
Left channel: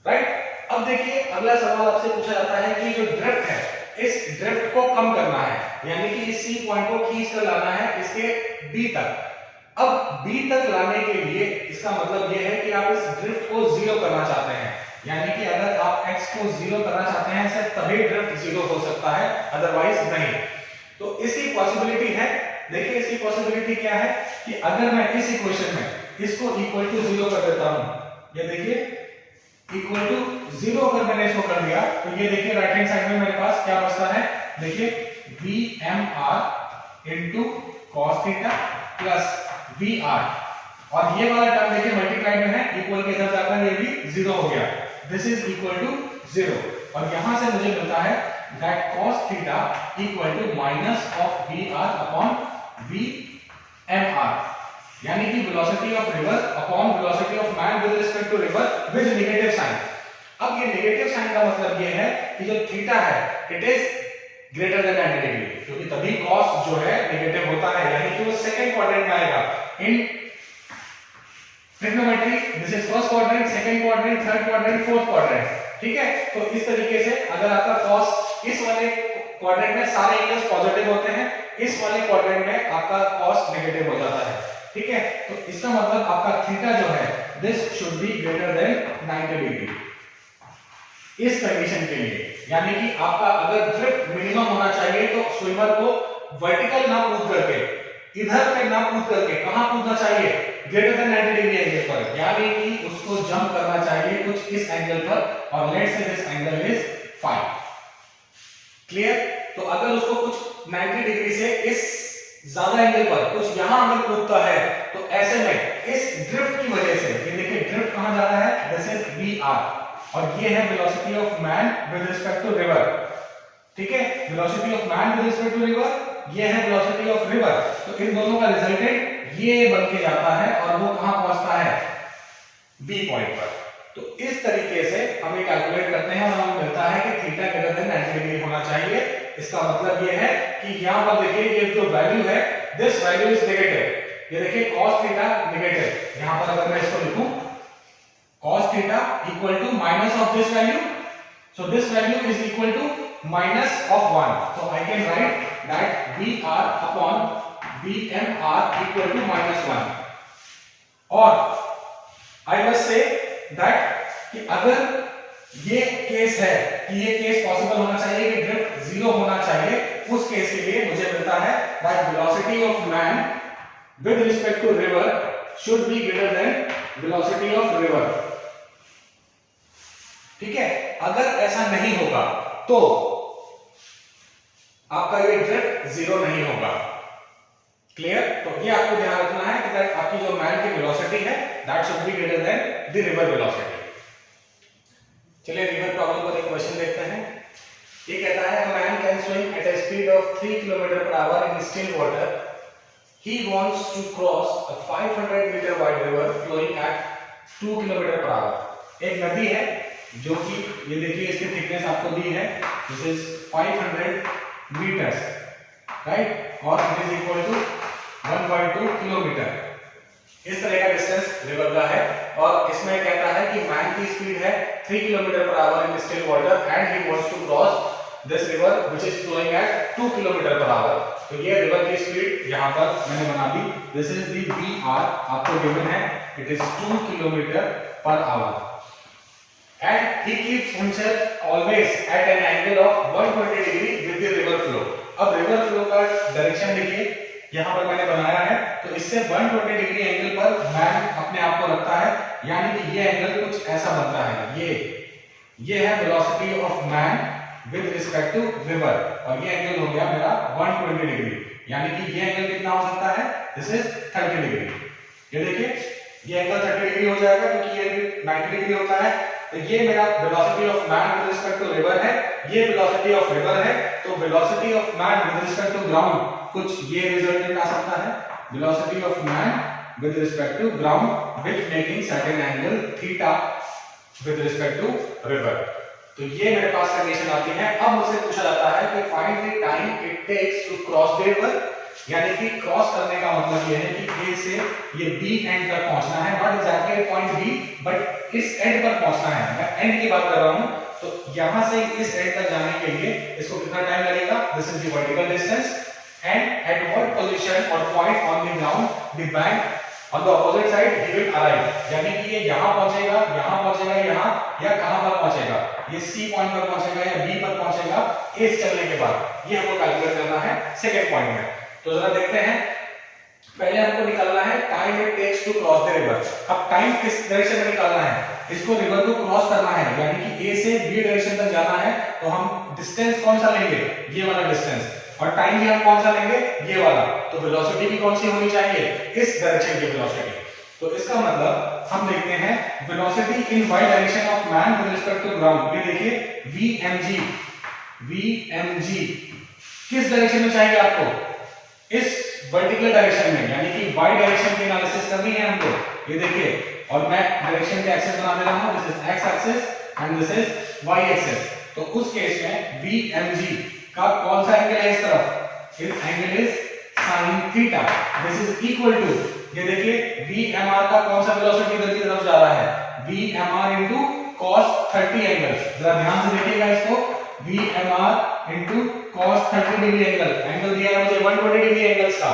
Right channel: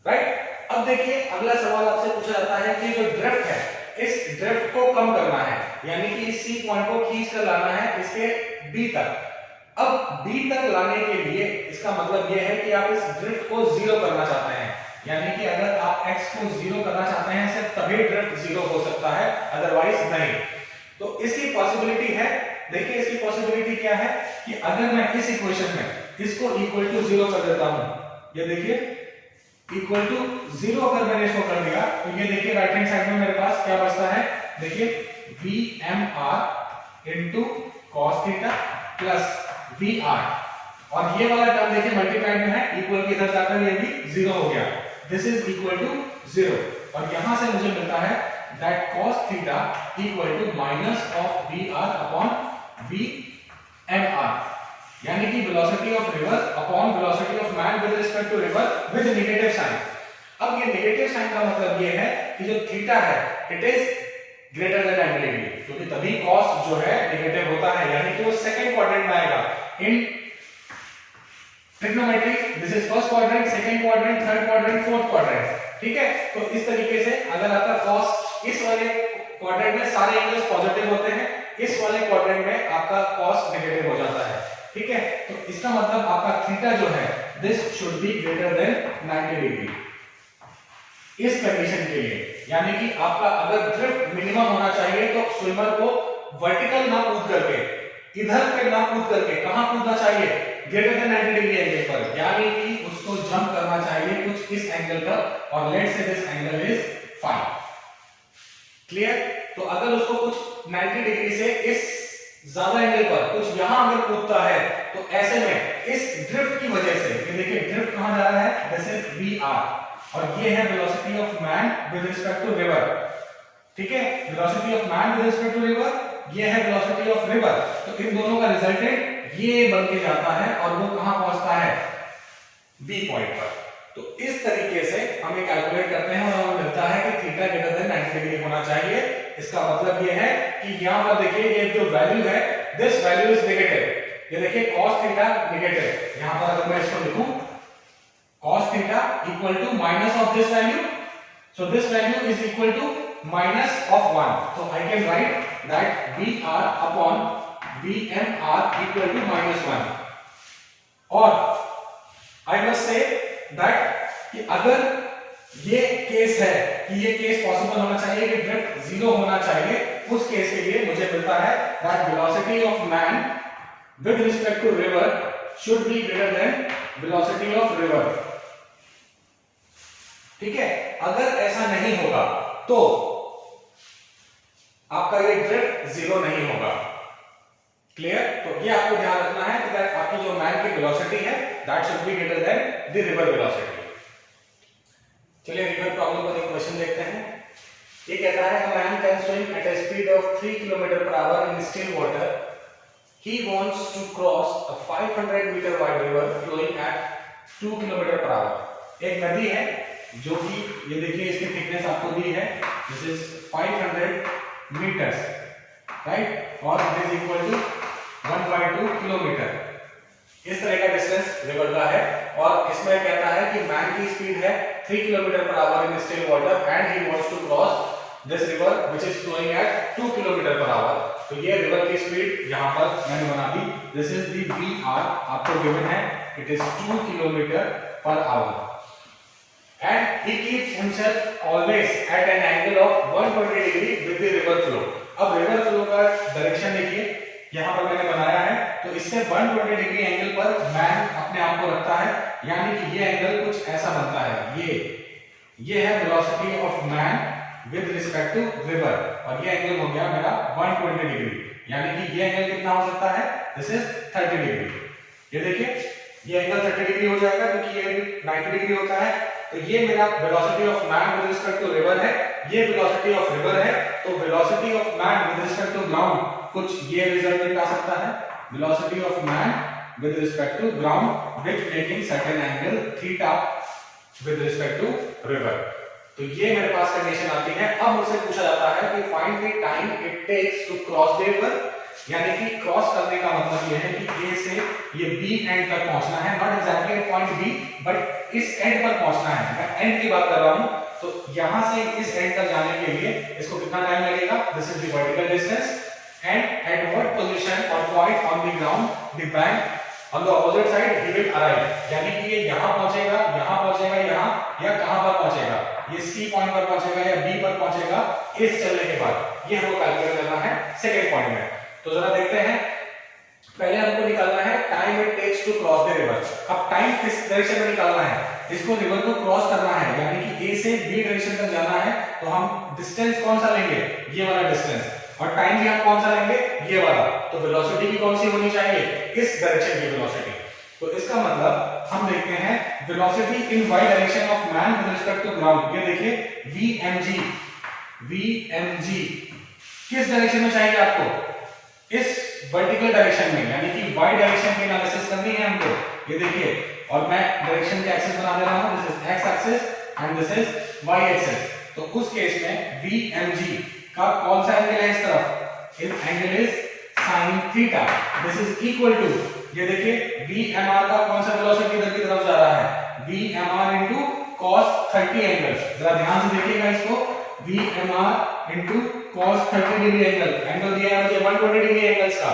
Right. अब देखिए अगला सवाल आपसे पूछा जाता है कि जो ड्रिफ्ट है, इस ड्रिफ्ट को कम करना है, यानी कि इस सी पॉइंट को खींच कर लाना है इसके बी तक। अब बी तक लाने के लिए इसका मतलब यह है कि आप इस ड्रिफ्ट को जीरो करना चाहते हैं, यानी कि अगर आप x को जीरो करना चाहते हैं सिर्फ तभी ड्रिफ्ट जीरो हो सकता है, अदरवाइज नहीं। तो इसकी पॉसिबिलिटी है, देखिए इसकी पॉसिबिलिटी क्या है कि अगर मैं इस इक्वेशन में इसको इक्वल टू जीरो कर देता हूं, ये देखिए इक्वल टू 0 अगर मैंने इसको कर दिया तो ये देखिए राइट हैंड साइड में मेरे पास क्या बचता है, देखिए V M R into cos theta plus V R, और ये वाला टर्म देखिए मल्टीप्लाइड में है, इक्वल के इधर जाकर ये भी 0 हो गया, दिस इज इक्वल टू 0, और यहां से मुझे मिलता है that cos theta equal to minus of V R upon V M R, यानी कि velocity of river upon velocity of man with respect to river with negative sign. अब ये नेगेटिव साइन का मतलब ये है कि जो थीटा है it is greater than 90 degree, क्योंकि तभी cos जो है नेगेटिव होता है, यानी कि वो सेकंड क्वाड्रेंट में आएगा in trigonometry, this is first quadrant, second quadrant, third quadrant, fourth quadrant, ठीक है। तो इस तरीके से अगर आपका cos इस वाले क्वाड्रेंट में सारे एंगल्स पॉजिटिव होते हैं, इस वाले क्वाड्रेंट में आपका cos नेगेटिव हो जाता है, ठीक है। तो इसका मतलब आपका थीटा जो है this should be greater than 90 degree इस कंडीशन के लिए, यानी कि आपका अगर ड्रिफ्ट मिनिमम होना चाहिए तो स्विमर को वर्टिकल ना कूद करके, इधर पे ना कूद करके कहां कूदना चाहिए, ग्रेटर देन 90 डिग्री एंगल पर, यानी कि उसको जंप करना चाहिए कुछ इस एंगल पर, और let's say this angle is 5, clear. तो अगर उसको कुछ 90 डिग्री से इस ज्यादा एंगल पर कुछ यहां अगर कूदता है तो ऐसे में इस ड्रिफ्ट की वजह से, ये देखिए ड्रिफ्ट कहां जा रहा है, दिस इज वी आर, और ये है velocity of man with respect to river, ठीक है, velocity of man with respect to river, ये है वेलोसिटी ऑफ रिवर, तो इन दोनों का रिजल्टेंट ये बन के जाता है और वो कहां पहुंचता है, बी पॉइंट पर। तो इस तरीके से हम ये कैलकुलेट करते हैं और हमें मिलता है कि थीटा ग्रेटर देन 90 डिग्री होना चाहिए। इसका मतलब ये है कि यहां पर देखिए ये जो वैल्यू है दिस वैल्यू इज नेगेटिव, ये देखिए cos थीटा नेगेटिव, यहां पर अगर मैं इसको लिखूं cos theta equal to minus of this value, so this value is equal to minus of 1, so I can write that VR upon VMR equal to -1, और I must say that कि अगर ये केस है कि ये case possible होना चाहिए कि ड्रिफ्ट 0 होना चाहिए, उस केस के लिए मुझे मिलता है that velocity of man with respect to river should be greater than velocity of river, ठीक है। अगर ऐसा नहीं होगा तो आपका ये ड्रिफ्ट 0 नहीं होगा, क्लियर। तो ये आपको ध्यान रखना है कि आपकी जो मैन की वेलोसिटी है that should be greater than the river velocity. चलिए रिवर प्रॉब्लम पर एक क्वेश्चन देखते हैं। ये कहता है a man can swim at a speed of 3 km/h in still water. He wants to cross a 500 meter wide river flowing at 2 km/h। एक नदी है जो कि ये देखिए इसकी थिकनेस आपको दी है, दिस इज 500 मीटर्स, राइट, और it is equal to 1.2 kilometre, इस तरह का डिस्टेंस रिवर का है। और इसमें कहता है कि मैन की स्पीड है 3 km/h in still water and he wants to cross this river which is flowing at 2 km/h। तो ये रिवर की स्पीड यहां पर मैंने बना दी, दिस इज दी वीआर आपको गिवन है, it is 2 km/h and he keeps himself always at an angle of 120 degree with the river flow। अब रिवर फ्लो का डायरेक्शन देखिए यहां पर मैंने बनाया है, तो इससे 120 डिग्री एंगल पर मैन अपने आप को रखता है, यानी कि ये एंगल कुछ ऐसा बनता है, ये है velocity of man with respect to river, और ये एंगल हो गया मेरा 120 डिग्री, यानी कि ये एंगल कितना हो सकता है, दिस इज 30 डिग्री। ये देखिए ये एंगल 30 डिग्री हो जाएगा क्योंकि ये 90 डिग्री होता है। तो ये मेरा velocity of man with respect to river है, ये वेलोसिटी ऑफ रिवर है, तो velocity of man with respect to ground कुछ ये रिजल्टेंट आ सकता है, velocity of man with respect to ground which making certain angle theta with respect to river. तो ये मेरे पास कंडीशन आती है। अब मुझसे पूछा जाता है कि find the time it takes to cross the river, यानी कि क्रॉस करने का मतलब यह है कि ए से ये बी एंड तक पहुंचना है, not exactly point B but इस एंड पर पहुंचना है, मैं एंड की बात कर रहा हूं। तो यहां से इस एंड तक जाने के लिए इसको कितना टाइम लगेगा, this is the vertical distance, and at what position और point on the ground the bank on the opposite side he will arrive, यानी कि ये यहां पहुंचेगा, यहां या कहां पर पहुंचेगा, ये सी पॉइंट पर पहुंचेगा या बी पर पहुंचेगा, इस चलने के बाद ये हमको कैलकुलेट करना है सेकंड पॉइंट में। तो जरा देखते हैं पहले हमको निकालना है time it takes to cross the river. अब टाइम किस डायरेक्शन में निकालना है, इसको रिवर को क्रॉस करना है, यानी कि ए से बी डायरेक्शन तक जाना है, तो हम डिस्टेंस कौन सा लेंगे, ये वाला डिस्टेंस, और टाइम भी हम कौन सा लेंगे, ये वाला। तो वेलोसिटी भी कौन सी होनी चाहिए, इस डायरेक्शन की वेलोसिटी। तो इसका मतलब हम देखते हैं velocity in Y direction of man with respect to ground. ये देखिए वीएमजी किस डायरेक्शन में चाहिए आपको, इस वर्टिकल डायरेक्शन में, यानी कि वाई डायरेक्शन की एनालिसिस करनी है हमको। ये देखिए, और मैं डायरेक्शन के एक्सिस बना दे रहा हूं, this is X axis and this is Y axis. तो उस केस में वीएमजी का कौन सा एंगल है इस तरफ, इस angle is sin theta, this is equal to, ये देखिए VMR का कौन सा वेलोसिटी इधर की तरफ जा रहा है, VMR इनटू cos 30 एंगल। जरा ध्यान से देखिएगा इसको, VMR into cos 30 degree angle दिया है मुझे 120 डिग्री एंगल्स का।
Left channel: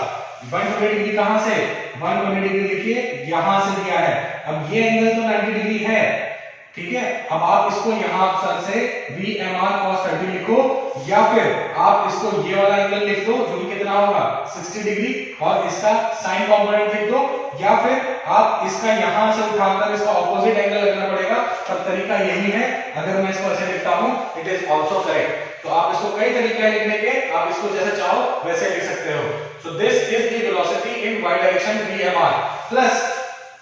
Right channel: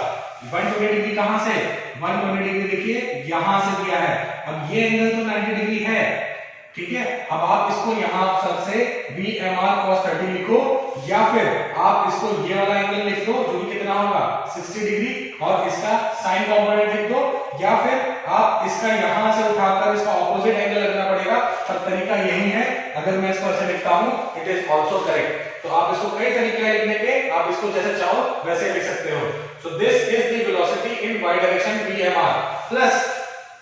120 डिग्री कहां से, 120 डिग्री देखिए यहां से दिया है। अब ये एंगल तो 90 डिग्री है, ठीक है। अब आप इसको यहां से VMR cos 30 लिखो, या फिर आप इसको ये वाला एंगल लिख दो जो कि कितना होगा 60 डिग्री, और इसका साइन कंपोनेंट लिख दो, या फिर आप इसका यहां से उठाकर इसका ऑपोजिट एंगल लगना पड़ेगा। सब तरीका यही है। अगर मैं इसको ऐसे लिखता हूं, इट इज आल्सो करेक्ट। तो आप इसको कई तरीके लिखने के, आप इसको जैसे चाहो वैसे लिख सकते हो। So this is the velocity in Y direction VMR plus,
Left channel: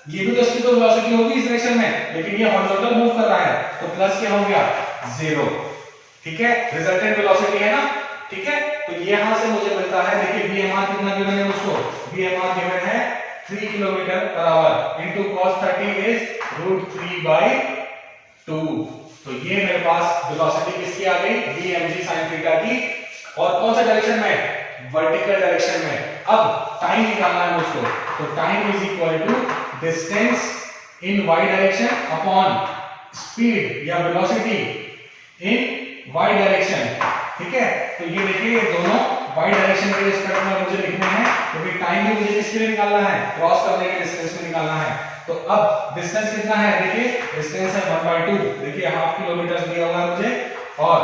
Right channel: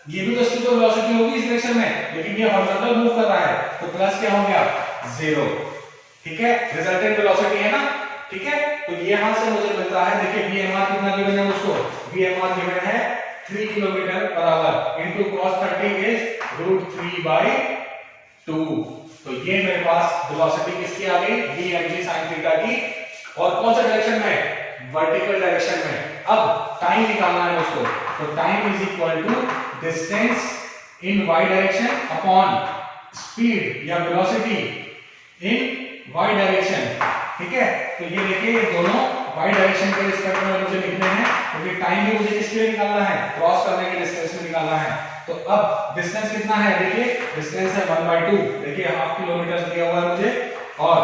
ये भी तो इसकी तो वेलोसिटी होगी इस डायरेक्शन में, लेकिन ये हॉरिजॉन्टल मूव कर रहा है, तो प्लस क्या हो गया, 0, ठीक है। रिजल्टेंट वेलोसिटी है ना, ठीक है। तो ये यहां से मुझे मिलता है, देखिए VMR कितना गिवन है मुझको, VMR गिवन है 3 kilometre per our into cos 30 is √3/2। तो ये मेरे पास वेलोसिटी किसकी आ गई, VMG sin थीटा की, और कौन सा डायरेक्शन में, वर्टिकल डायरेक्शन में। अब टाइम निकालना है मुझको, तो time is equal to distance in Y direction upon speed या वेलोसिटी इन वाई डायरेक्शन, ठीक है। तो ये देखिए ये दोनों वाई डायरेक्शन के रिस्पेक्ट में मुझे लिखने हैं, क्योंकि टाइम भी मुझे किसके लिए निकालना है, क्रॉस करने के डिस्टेंस में निकालना है। तो अब डिस्टेंस कितना है, देखिए डिस्टेंस है 1/2, देखिए हाफ किलोमीटर दिया हुआ है मुझे, और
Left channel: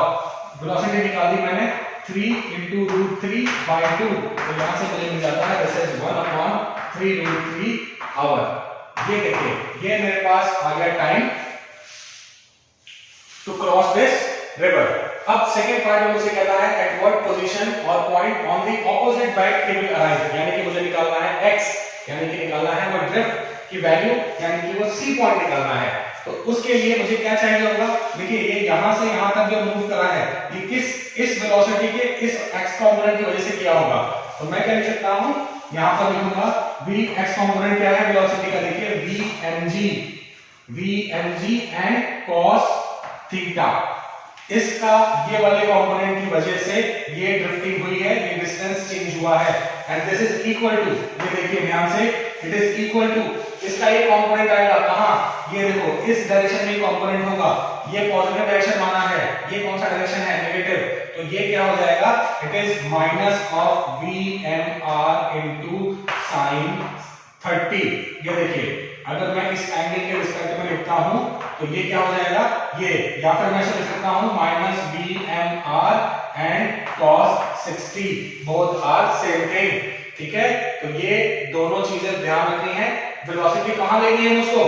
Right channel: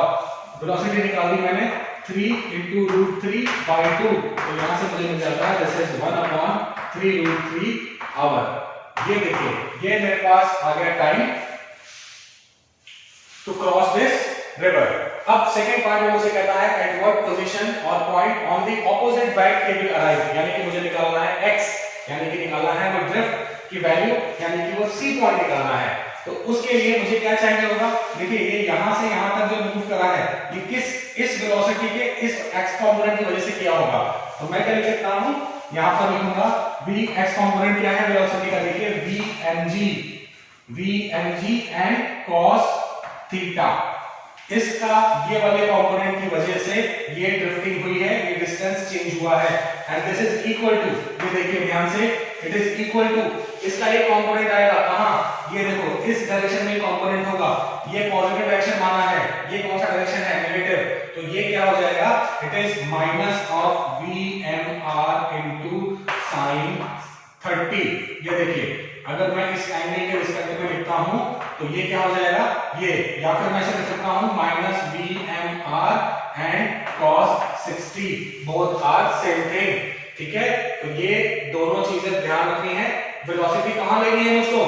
वेलोसिटी निकाल दी मैंने 3 into √3/2। तो यहां से मुझे मिल जाता है दिस इज 1/3 √3 आवर। ये देखिए ये मेरे पास आ गया time to cross this river. अब सेकंड पार्ट में मुझे कहता है एट व्हाट पोजीशन और point on the opposite bank it will arrive, यानी कि मुझे निकालना है x, यानी कि निकालना है वो ड्रिफ्ट की वैल्यू, यानी कि वो C पॉइंट निकालना है। तो उसके लिए मुझे क्या चाहिए होगा, देखिए ये यहां से यहां तक जो मूव करा है, ये इस वेलोसिटी के इस x कंपोनेंट की वजह से किया होगा। तो मैं क्या लिख सकता हूं, यहां पर लिखूंगा v x कंपोनेंट क्या है वेलोसिटी का, देखिए vmg एंड cos थीटा, इसका ये वाले कंपोनेंट की वजह से ये ड्रिफ्टिंग हुई है, ये डिस्टेंस चेंज हुआ है, and this is equal to, ये देखिए ध्यान से, इट इज इक्वल टू, इसका एक कंपोनेंट आएगा कहां, ये देखो इस डायरेक्शन में कंपोनेंट होगा, ये पॉजिटिव डायरेक्शन माना है, ये कौन सा डायरेक्शन है, नेगेटिव। तो ये क्या हो जाएगा, it is minus of VMR into sin 30। ये देखिए अगर मैं इस एंगल के रिस्पेक्ट में लिखता हूं तो ये क्या हो जाएगा, ये, या फिर मैं इसे लिख सकता हूं minus VMR and cos 60, both are same thing, ठीक है। तो ये दोनों चीजें ध्यान रखनी है। वेलोसिटी कहां लेनी है मुझको,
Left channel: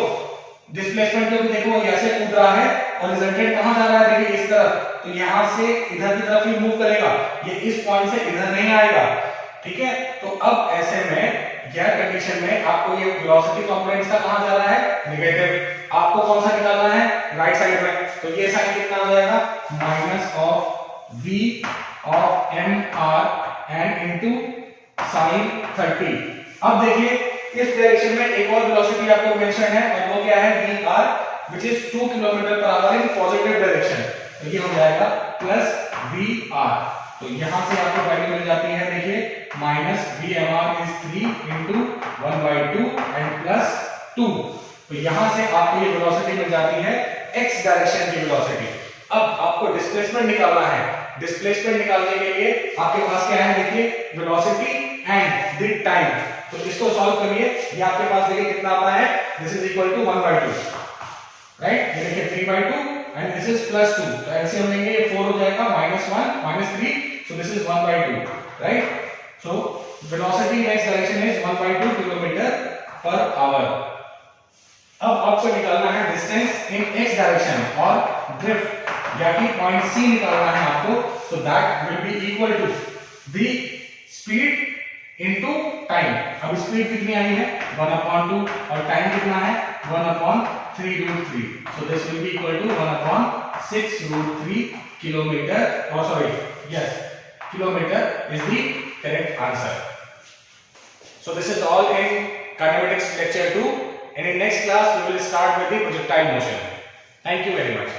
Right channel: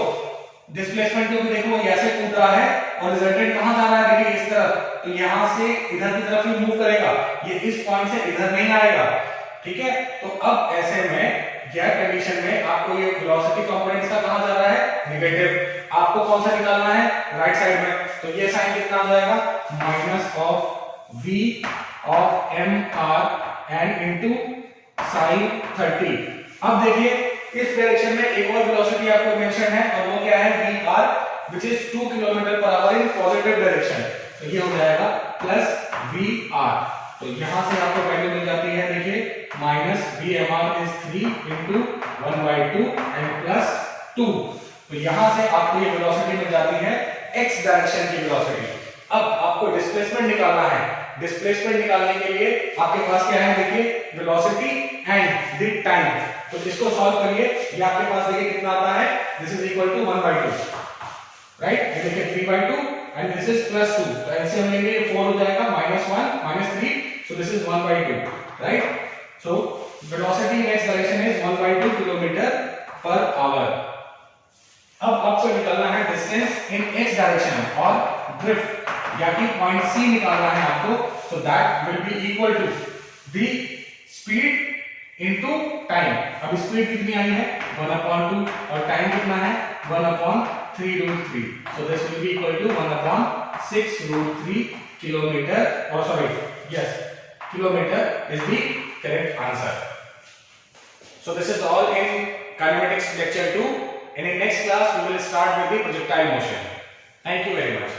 डिस्प्लेसमेंट को भी देखो ये ऐसे कूद रहा है, और रिजल्टेंट कहां जा रहा है, देखिए इस तरफ, तो यहां से इधर की तरफ ही मूव करेगा, ये इस पॉइंट से इधर नहीं आएगा, ठीक है। तो अब ऐसे में यह कंडीशन में आपको ये वेलोसिटी कंपोनेंट्स का कहां जा रहा है, नेगेटिव। आपको कौन सा निकालना है, राइट साइड में, तो ये साइन कितना आ जाएगा, minus of V of MR and into sin 30। अब देखिए इस डायरेक्शन में एक और वेलोसिटी आपको मेंशन है, और वो क्या है, VR which is 2 kilometre per our in positive direction. तो ये हो जाएगा प्लस VR। तो यहां से आपको वैल्यू मिल जाती है, देखिए minus VMR is 3 into 1/2 and plus 2। तो यहां से आपको ये वेलोसिटी मिल जाती है x डायरेक्शन की वेलोसिटी। अब आपको डिस्प्लेसमेंट निकालना है। डिस्प्लेसमेंट निकालने के लिए आपके पास क्या है, देखिए वेलोसिटी एंड द टाइम। तो इसको सॉल्व करिए, ये आपके पास देखिए कितना आता है, this is equal to 1/2, right. ये देखिए 3/2 एंड दिस इज +2, तो ऐसे हम लेंगे 4 हो जाएगा, -1 -3, so this is 1/2, right. So velocity in X direction is 1/2 kilometre per hour. अब आपको निकालना है डिस्टेंस इन एक्स डायरेक्शन और ड्रिफ्ट या कि पॉइंट सी निकालना है आपको। So that will be equal to the speed into time. अब स्पीड कितनी आई है 1/2 और टाइम कितना है 1/3√3। So this will be equal to 1/6√3 kilometre, और sorry yes kilometre is the correct answer. So this is all in kinematics lecture 2, and in next class we will start with the projectile motion. Thank you very much.